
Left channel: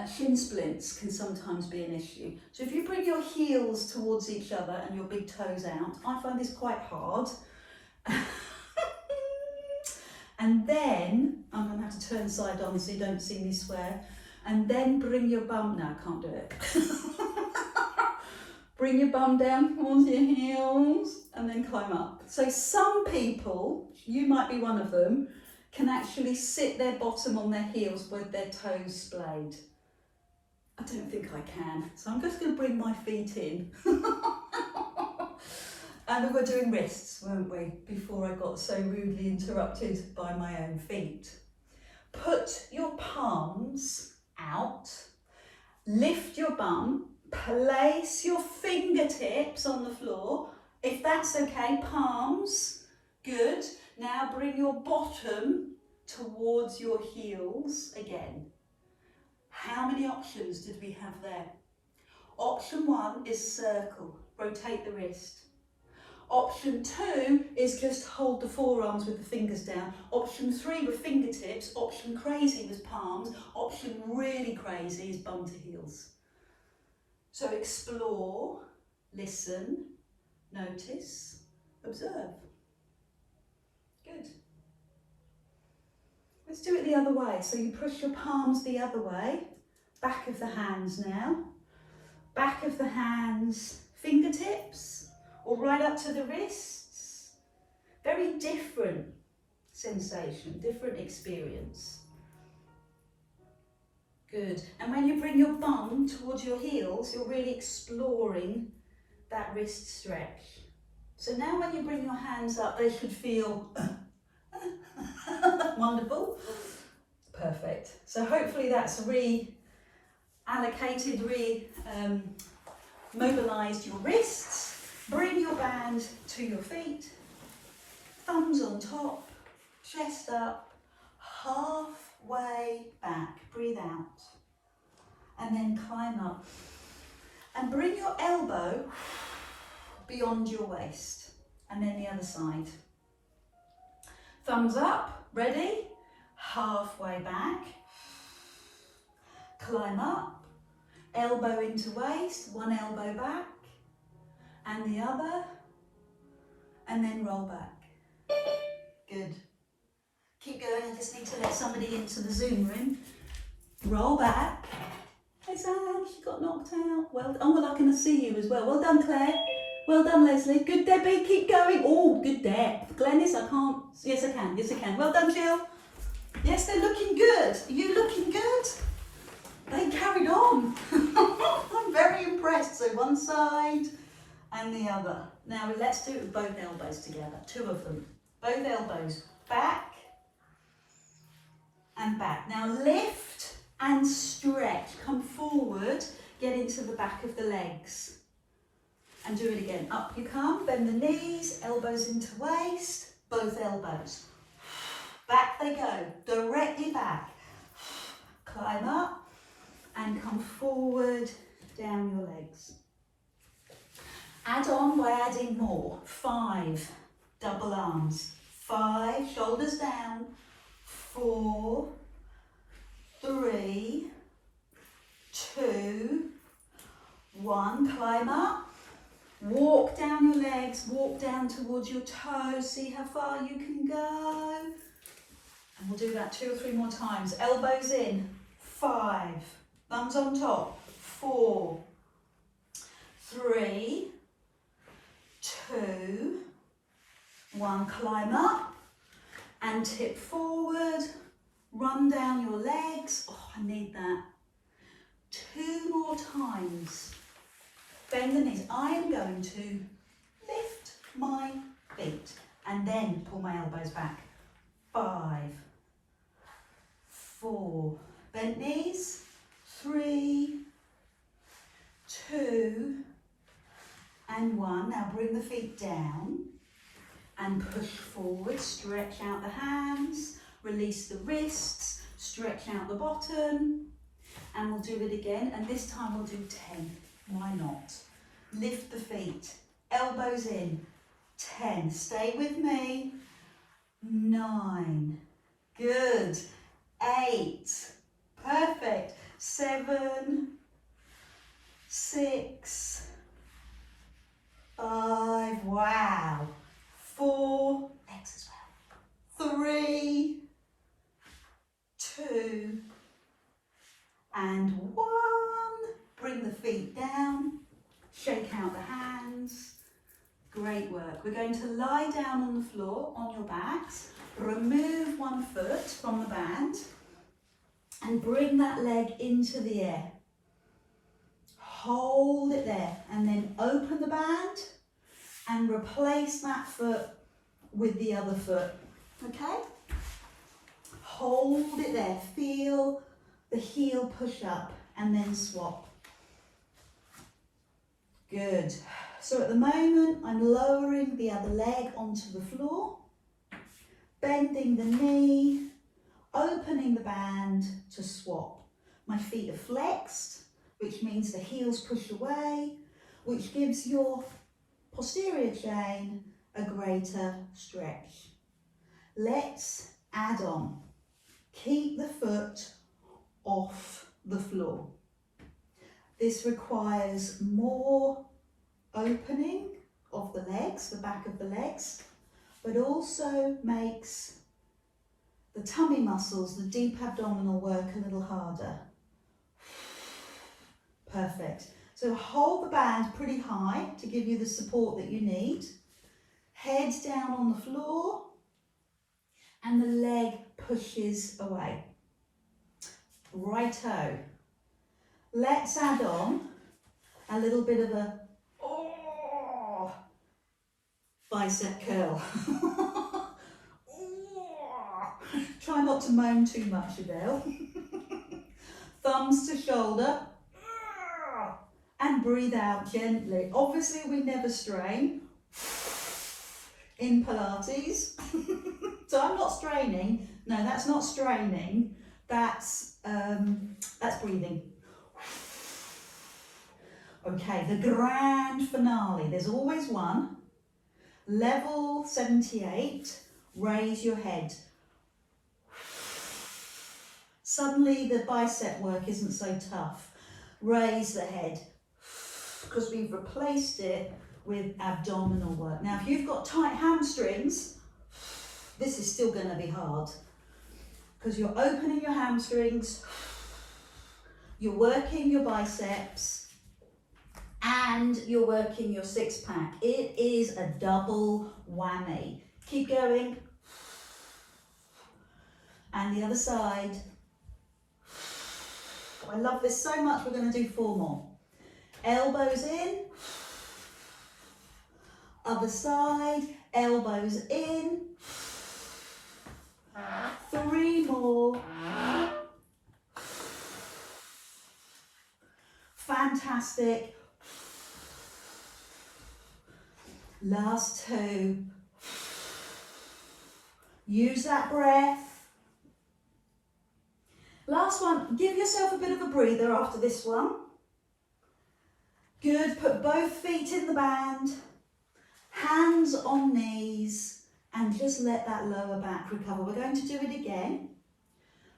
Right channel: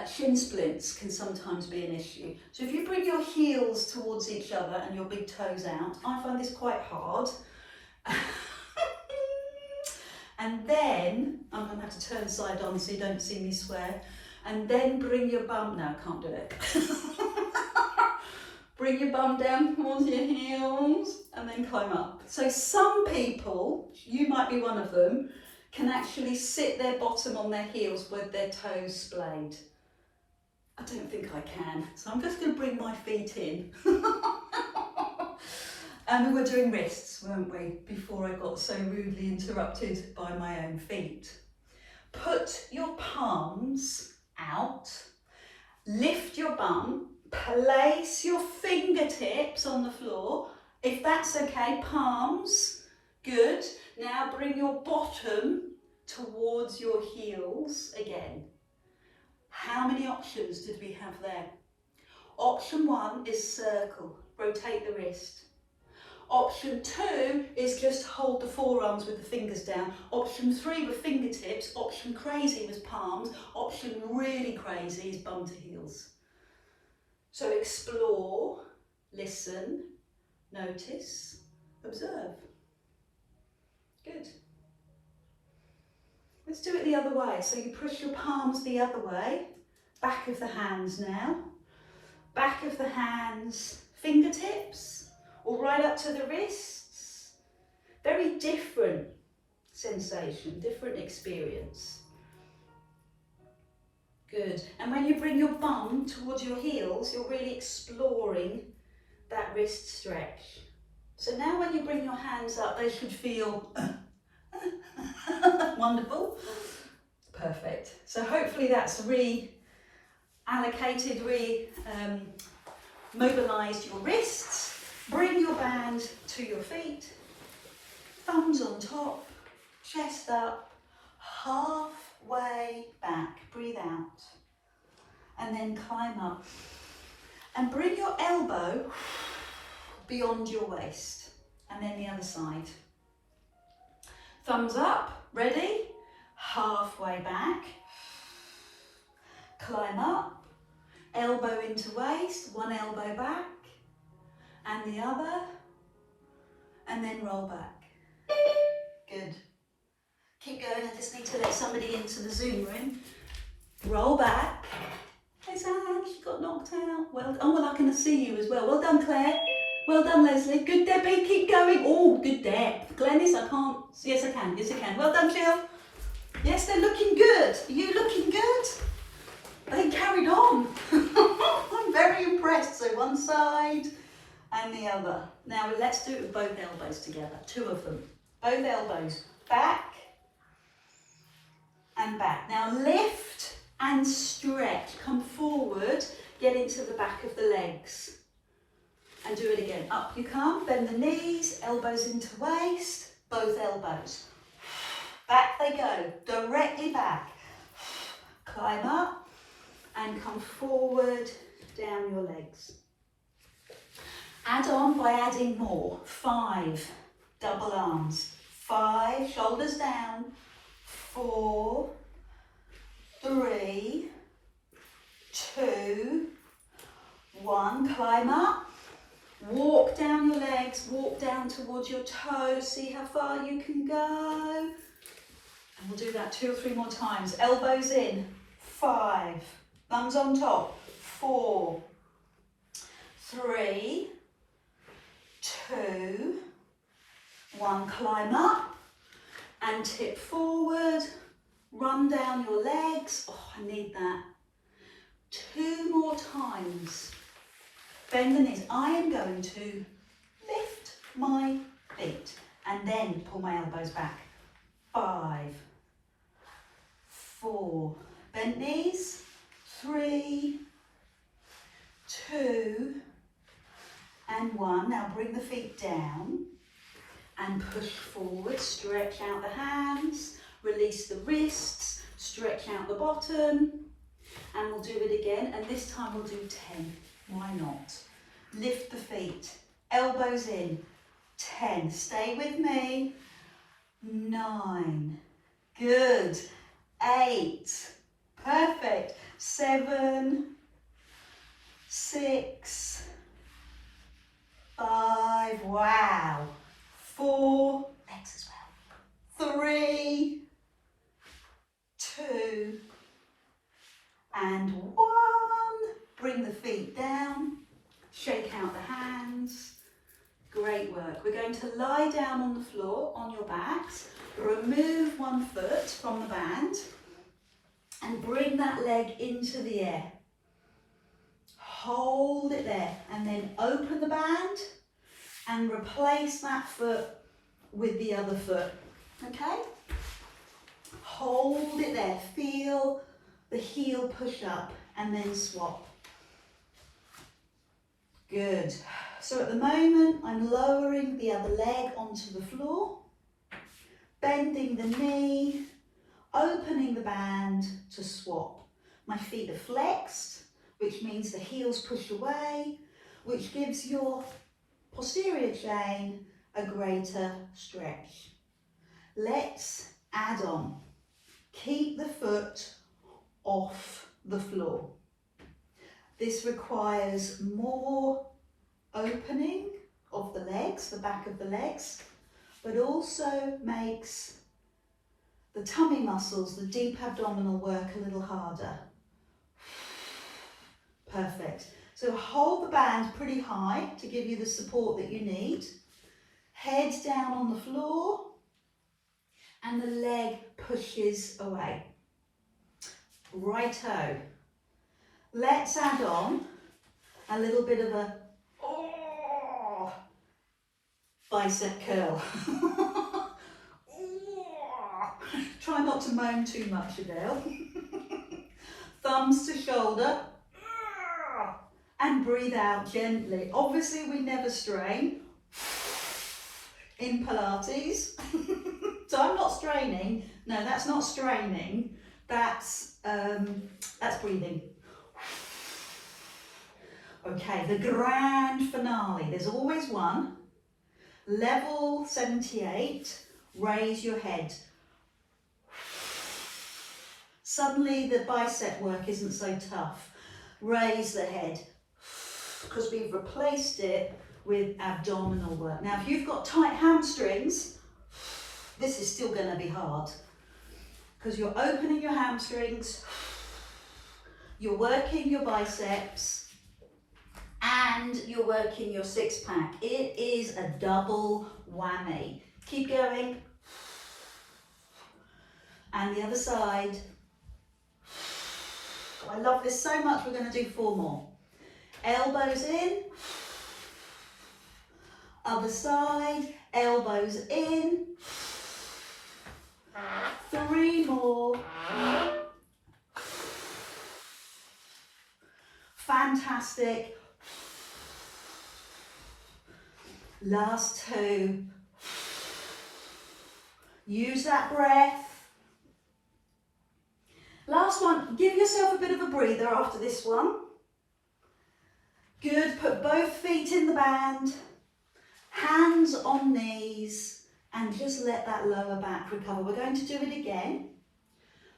shin splints can sometimes be an issue. So if you bring your heels towards each other and your big toes out, I find this quite hard. And then, I'm going to have to turn side on so you don't see me swear, and then bring your bum, no, I can't do it. Bring your bum down towards your heels and then climb up. So some people, you might be one of them, can actually sit their bottom on their heels with their toes splayed. I don't think I can, so I'm just going to bring my feet in. And we were doing wrists, weren't we, before I got so rudely interrupted by my own feet. Put your palms out, lift your bum, place your fingertips on the floor. If that's okay, palms, good. Now bring your bottom towards your heels again. How many options did we have there? Option 1 is circle, rotate the wrist. Option 2 is just hold the forearms with the fingers down. Option 3 were fingertips. Option crazy was palms. Option really crazy is bum to heels. So explore, listen, notice, observe. Good. Let's do it the other way. So you push your palms the other way. Back of the hands now. Back of the hands, fingertips. Or right up to the wrists. Very different sensation, different experience. Good. And when you bring your bum towards your heels, you're really exploring that wrist stretch. So now when you bring your hands up, they should feel wonderful. Perfect. So hopefully that's reallocated, mobilised your wrists. Bring your band to your feet, thumbs on top, chest up, halfway back, breathe out, and then climb up. And bring your elbow beyond your waist, and then the other side. Thumbs up, ready, halfway back, climb up, elbow into waist, one elbow back, and the other, and then roll back. Good. Keep going, I just need to let somebody into the Zoom room. Roll back. There's Anne, she got knocked out. Well, oh, well, I can see you as well. Well done, Claire. Well done, Leslie. Good, Debbie, keep going. Oh, good depth. Glennis, I can't. Yes, I can. Yes, I can. Well done, Jill. Yes, they're looking good. Are you looking good? They carried on. I'm very impressed. So one side and the other. Now let's do it with both elbows together. Two of them. Both elbows. Back and back. Now lift and stretch. Come forward. Get into the back of the legs. And do it again. Up you come. Bend the knees. Elbows into waist. Both elbows. Back they go. Directly back. Climb up. And come forward, down your legs. Add on by adding more. 5, double arms. 5, shoulders down. 4, 3, 2, 1. Climb up. Walk down your legs, walk down towards your toes. See how far you can go. And we'll do that 2 or 3 more times. Elbows in. 5. Thumbs on top. 4, 3, 2, 1. Climb up and tip forward. Run down your legs. Oh, I need that. 2 more times. Bend the knees. I am going to lift my feet and then pull my elbows back. 5, 4, bent knees. 3, 2, and 1. Now bring the feet down and push forward. Stretch out the hands, release the wrists, stretch out the bottom, and we'll do it again. And this time we'll do 10. Why not? Lift the feet, elbows in. 10. Stay with me. 9. Good. 8. Perfect. 7, 6, 5, wow. 4, legs as well. 3, 2, and 1. Bring the feet down, shake out the hands. Great work. We're going to lie down on the floor on your backs, remove one foot from the band, and bring that leg into the air. Hold it there and then open the band and replace that foot with the other foot. Okay? Hold it there. Feel the heel push up and then swap. Good. So at the moment I'm lowering the other leg onto the floor, bending the knee, opening the band to swap. My feet are flexed, which means the heels push away, which gives your posterior chain a greater stretch. Let's add on. Keep the foot off the floor. This requires more opening of the legs, the back of the legs, but also makes the tummy muscles, the deep abdominal work a little harder. Perfect. So hold the band pretty high to give you the support that you need. Head down on the floor and the leg pushes away. Righto. Let's add on a little bit of a bicep curl. Try not to moan too much, Adele. Thumbs to shoulder. And breathe out gently. Obviously, we never strain in Pilates. So I'm not straining. No, that's not straining. That's breathing. Okay, the grand finale. There's always one. Level 78. Raise your head. Suddenly the bicep work isn't so tough. Raise the head, because we've replaced it with abdominal work. Now, if you've got tight hamstrings, this is still going to be hard. because you're opening your hamstrings, you're working your biceps, and you're working your six pack. It is a double whammy. Keep going. And the other side. I love this so much, we're going to do 4 more. Elbows in. Other side, elbows in. 3 more. Fantastic. Last 2. Use that breath. Last one, give yourself a bit of a breather after this one. Good, put both feet in the band, hands on knees, and just let that lower back recover. We're going to do it again.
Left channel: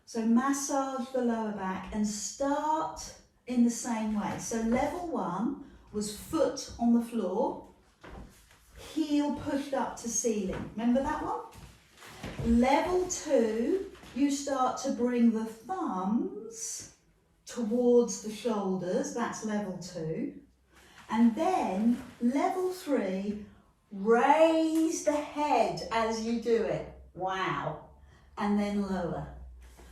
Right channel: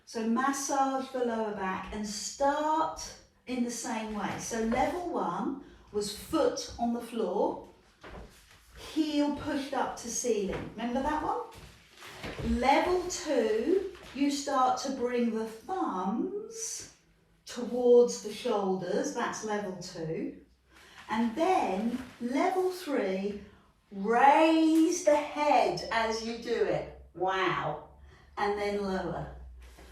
So massage the lower back and start in the same way. So level 1 was foot on the floor, heel pushed up to ceiling. Remember that one? Level 2, you start to bring the thumbs towards the shoulders. That's level 2. And then level 3, raise the head as you do it. Wow. And then lower.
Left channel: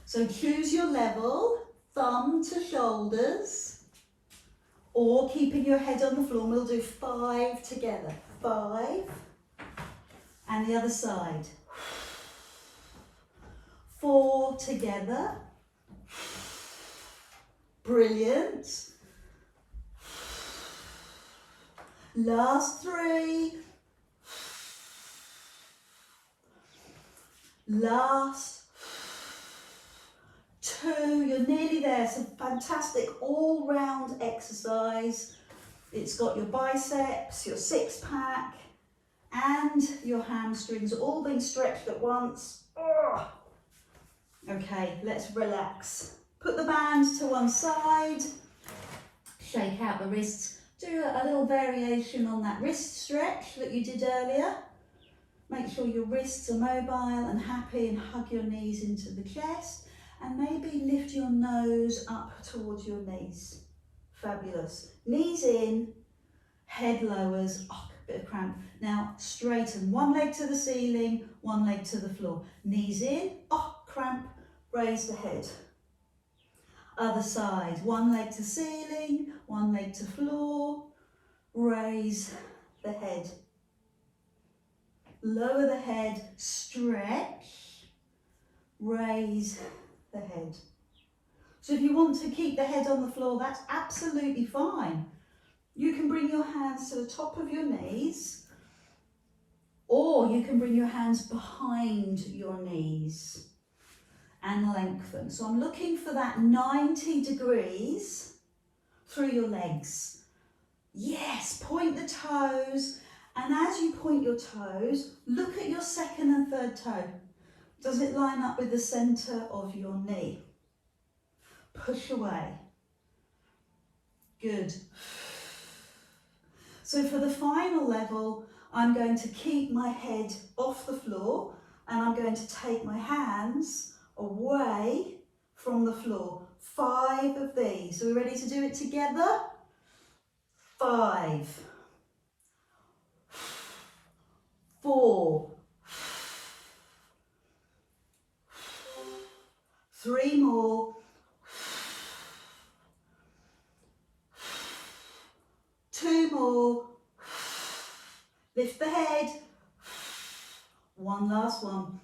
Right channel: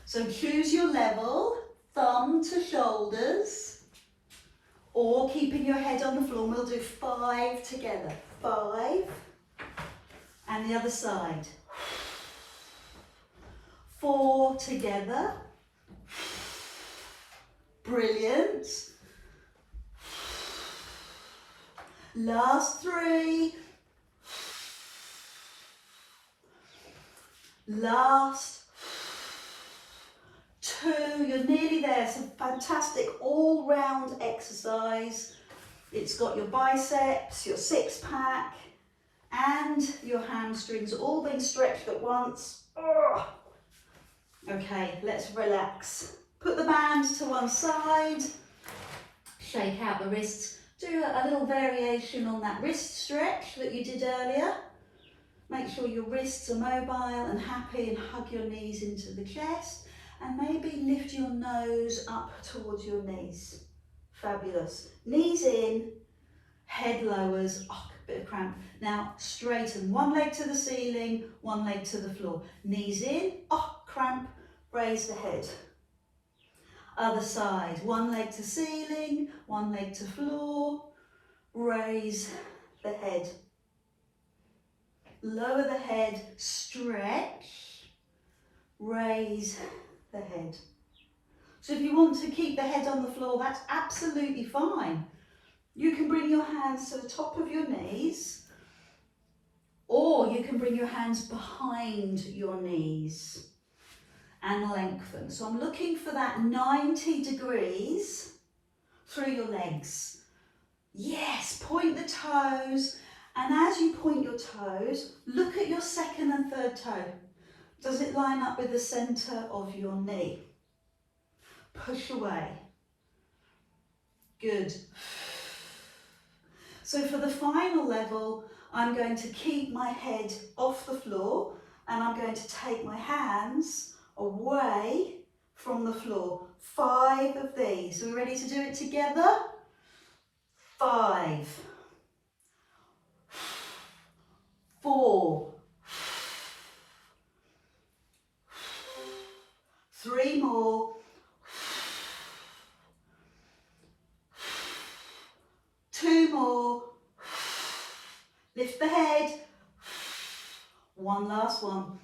So choose your level, thumb to shoulders, or keeping your head on the floor. We'll do 5 together. 5. And the other side. 4 together. Brilliant. Last 3. Last 2. You're nearly there. It's a fantastic all-round exercise. It's got your biceps, your six pack, and your hamstrings all being stretched at once. Ugh. Okay, let's relax. Put the band to one side, shake out the wrists. Do a little variation on that wrist stretch that you did earlier. Make sure your wrists are mobile and happy, and hug your knees into the chest, and maybe lift your nose up towards your knees. Fabulous. Knees in, head lowers. Oh, a bit of cramp. Now straighten one leg to the ceiling, one leg to the floor. Knees in, oh, cramp, raise the head. Other side, one leg to ceiling, one leg to floor, raise the head. Lower the head, stretch, raise the head. So if you want to keep the head on the floor, that's absolutely fine. You can bring your hands to the top of your knees, or you can bring your hands behind your knees and lengthen. So I'm looking for that 90 degrees through your legs. Yes, point the toes, and as you point your toes, look at your second and third toe. Does it line up with the center of your knee? Push away. Good. So for the final level, I'm going to keep my head off the floor, and I'm going to take my hands away from the floor. 5 of these. Are we ready to do it together? 5. 4. 3 more. 2 more. Lift the head. One last one.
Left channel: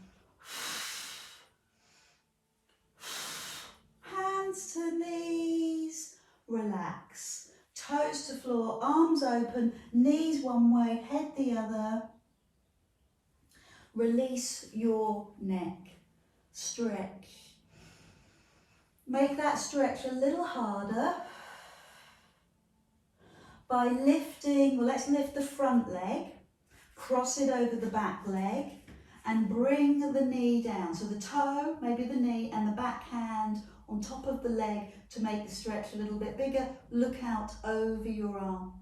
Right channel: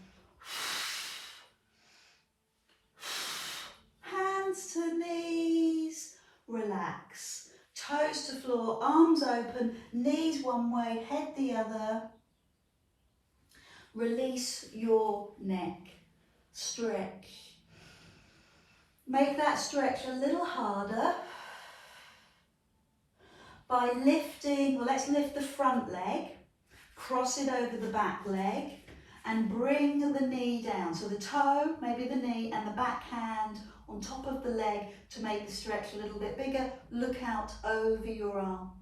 Hands to knees. Relax. Toes to floor, arms open, knees one way, head the other. Release your neck. Stretch. Make that stretch a little harder by lifting, well, let's lift the front leg, cross it over the back leg, and bring the knee down. So the toe, maybe the knee, and the back hand on top of the leg to make the stretch a little bit bigger. Look out over your arm.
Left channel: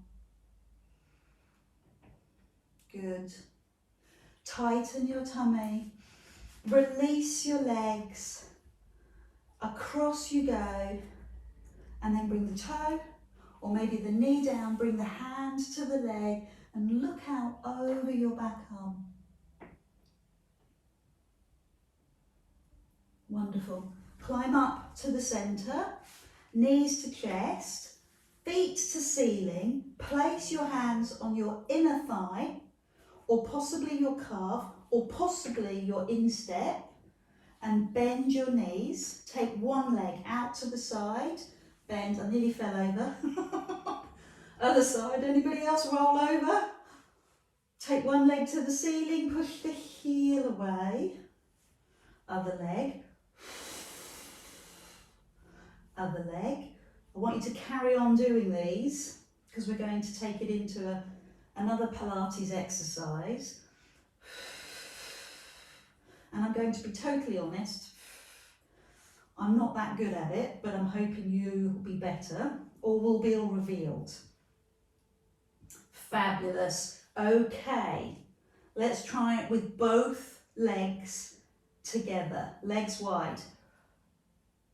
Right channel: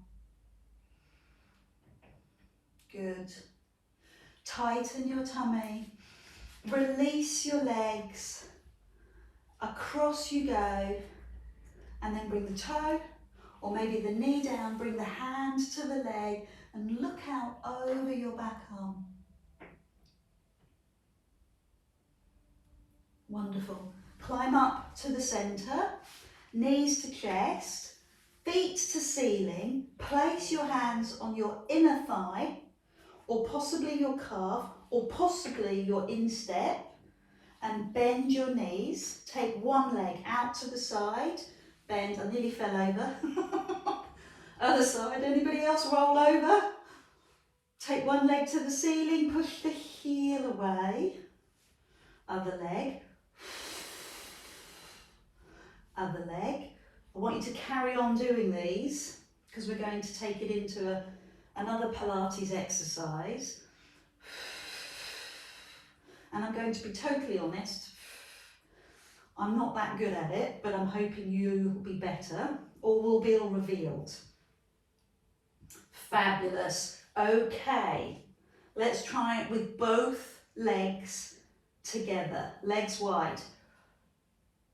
Good. Tighten your tummy. Release your legs. across you go, and then bring the toe, or maybe the knee down, bring the hand to the leg, and look out over your back arm. Wonderful. Climb up to the centre, knees to chest, feet to ceiling. Place your hands on your inner thigh, or possibly your calf, or possibly your instep, and bend your knees. Take one leg out to the side, bend. I nearly fell over. Other side, anybody else roll over? Take one leg to the ceiling, push the heel away. Other leg. Other leg. I want you to carry on doing these because we're going to take it into another Pilates exercise. And I'm going to be totally honest, I'm not that good at it, but I'm hoping you will be better or will be all revealed. Fabulous. Okay, let's try it with both legs together, legs wide.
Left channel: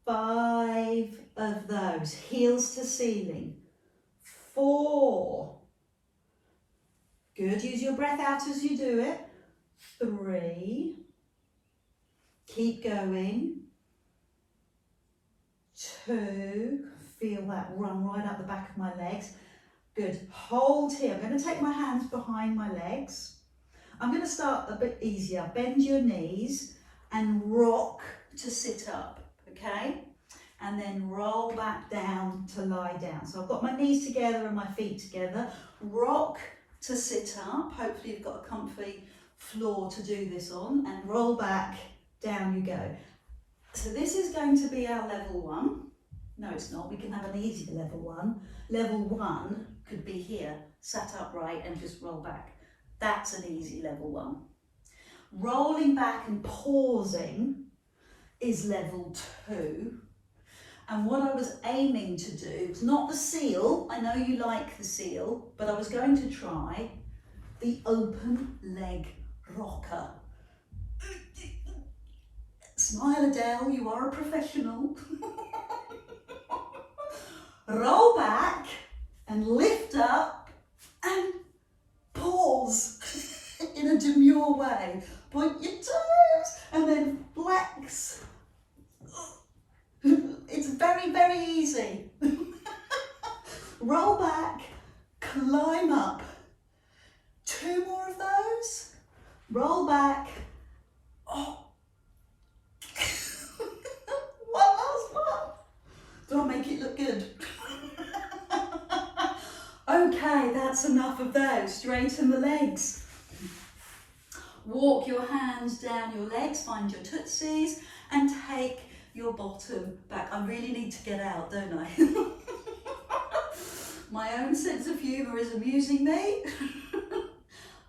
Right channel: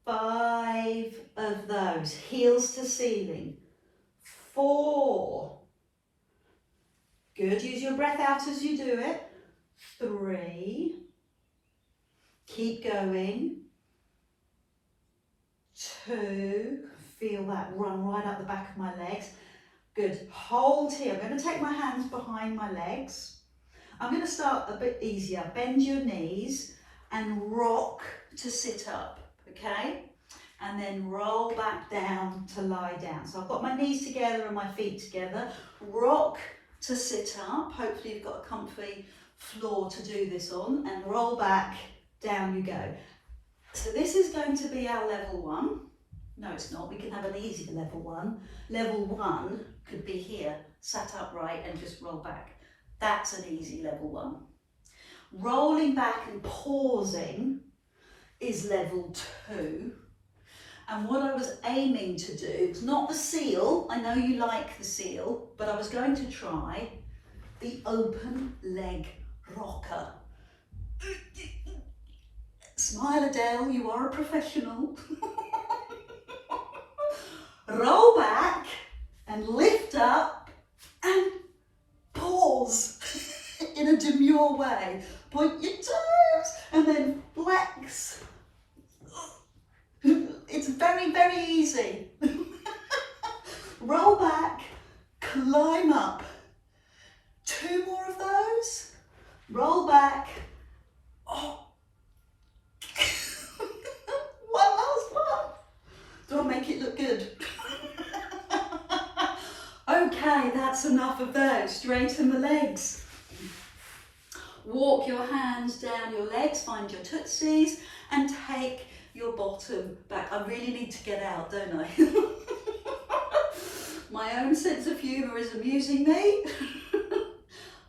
5 of those, heels to ceiling. 4. Good, use your breath out as you do it. 3. Keep going. 2. Feel that run right up the back of my legs. Good, hold here. I'm going to take my hands behind my legs. I'm going to start a bit easier. Bend your knees and rock to sit up, okay? And then roll back down to lie down. So I've got my knees together and my feet together. Rock to sit up. Hopefully you've got a comfy floor to do this on. And roll back, down you go. So this is going to be our level 1. No, it's not. We can have an easier level 1. Level 1 could be here, sat upright and just roll back. That's an easy level 1. Rolling back and pausing is level 2. And what I was aiming to do is not the seal. I know you like the seal, but I was going to try the open leg rocker. Smile, Adele, you are a professional. Roll back and lift up and pause in a demure way. Point your toes and then flex. It's very, very easy. Roll back, climb up. 2 more of those. Roll back. Oh. One last one. Don't make it look good. Okay, that's enough of those. Straighten the legs. Walk your hands down your legs, find your tootsies, and take your bottom back. I really need to get out, don't I? My own sense of humour is amusing me.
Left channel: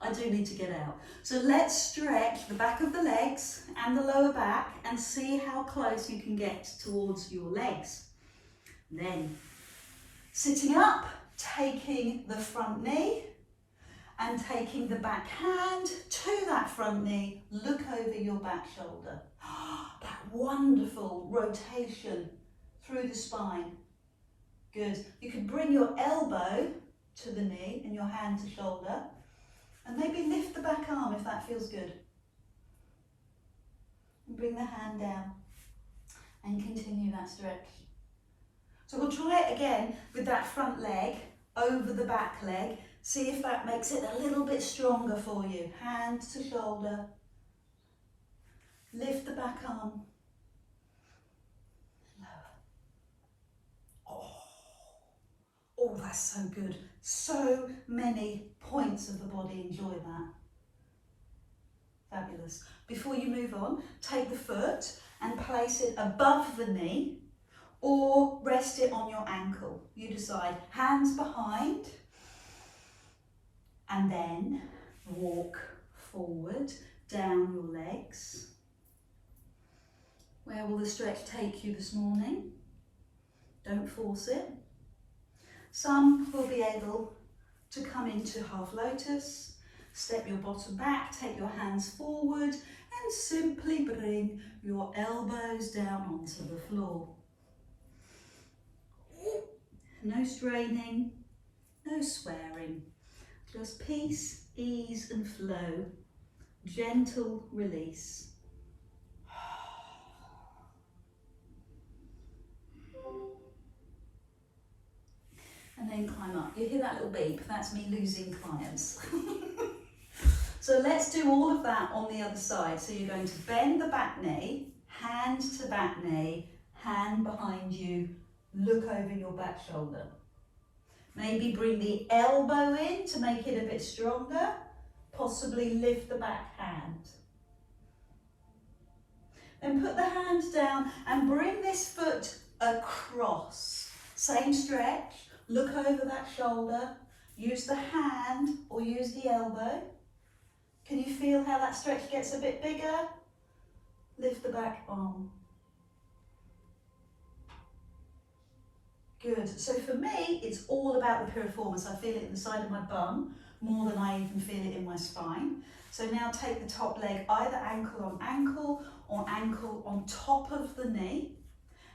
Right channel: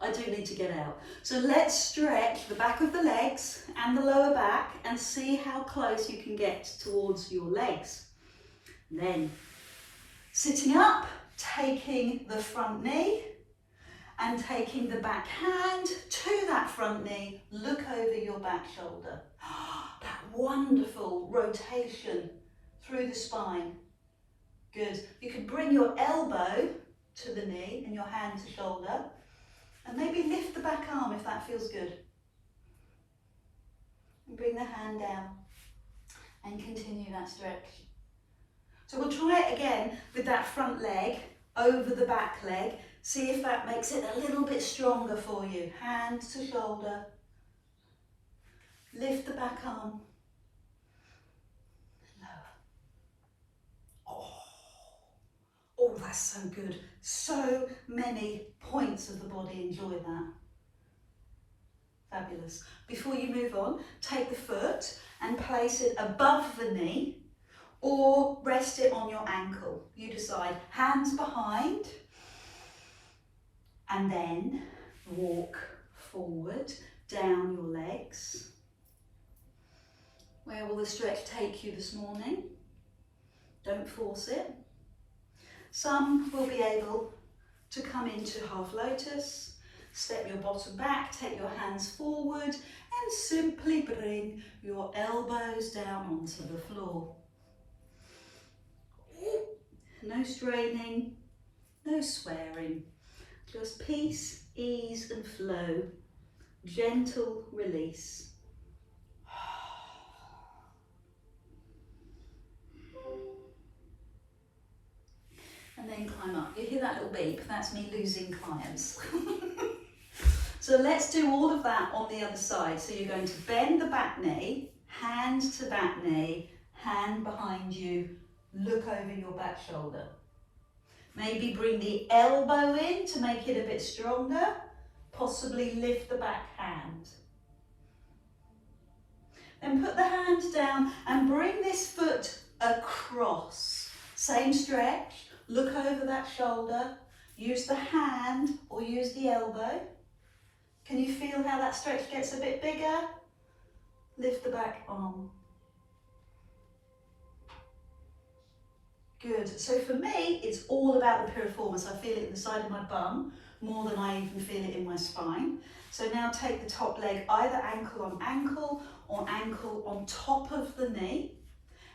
I do need to get out. So let's stretch the back of the legs and the lower back and see how close you can get towards your legs. Then, sitting up, taking the front knee and taking the back hand to that front knee, look over your back shoulder. That wonderful rotation through the spine. Good. You could bring your elbow to the knee and your hand to shoulder, and maybe lift the back arm if that feels good. And bring the hand down and continue that stretch. So we'll try it again with that front leg over the back leg. See if that makes it a little bit stronger for you. Hand to shoulder. Lift the back arm. Lower. Oh, that's so good. So many points of the body enjoy that. Fabulous. Before you move on, take the foot and place it above the knee or rest it on your ankle. You decide. Hands behind and then walk forward down your legs. Where will the stretch take you this morning? Don't force it. Some will be able to come into half lotus, step your bottom back, take your hands forward and simply bring your elbows down onto the floor. no straining, no swearing. Just peace, ease and flow. Gentle release. And then climb up. You hear that little beep? That's me losing clients. So let's do all of that on the other side. So you're going to bend the back knee, hand to back knee, hand behind you, look over your back shoulder. Maybe bring the elbow in to make it a bit stronger, possibly lift the back hand. Then put the hand down and bring this foot across. Same stretch, look over that shoulder, use the hand or use the elbow. Can you feel how that stretch gets a bit bigger? Lift the back arm. Good. So for me, it's all about the piriformis. I feel it in the side of my bum more than I even feel it in my spine. So now take the top leg either ankle on ankle or ankle on top of the knee.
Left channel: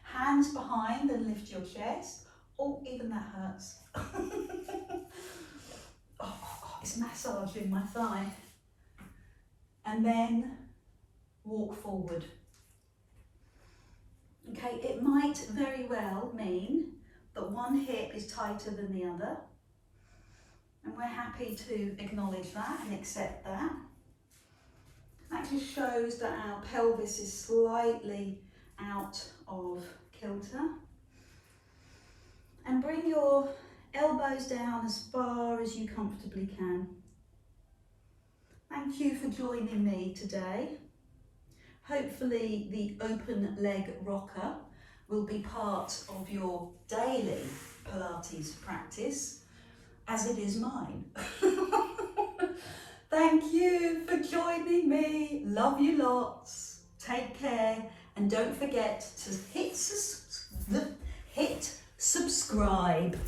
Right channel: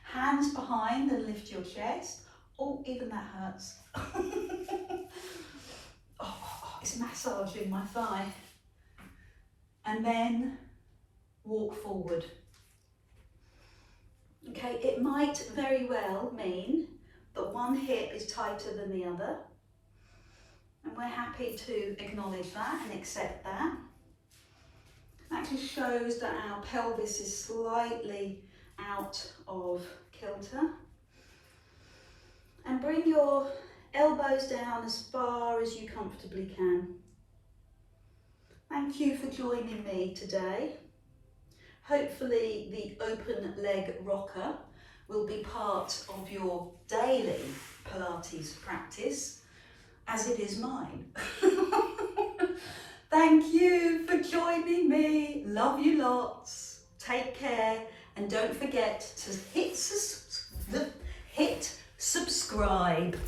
Hands behind and lift your chest. Oh, even that hurts. Oh, it's massaging my thigh. And then walk forward. Okay, it might very well mean that one hip is tighter than the other. And we're happy to acknowledge that and accept that. That just shows that our pelvis is slightly out of kilter. And bring your elbows down as far as you comfortably can. Thank you for joining me today. Hopefully the open leg rocker will be part of your daily Pilates practice, as it is mine. Thank you for joining me. Love you lots. Take care. And don't forget to hit subscribe.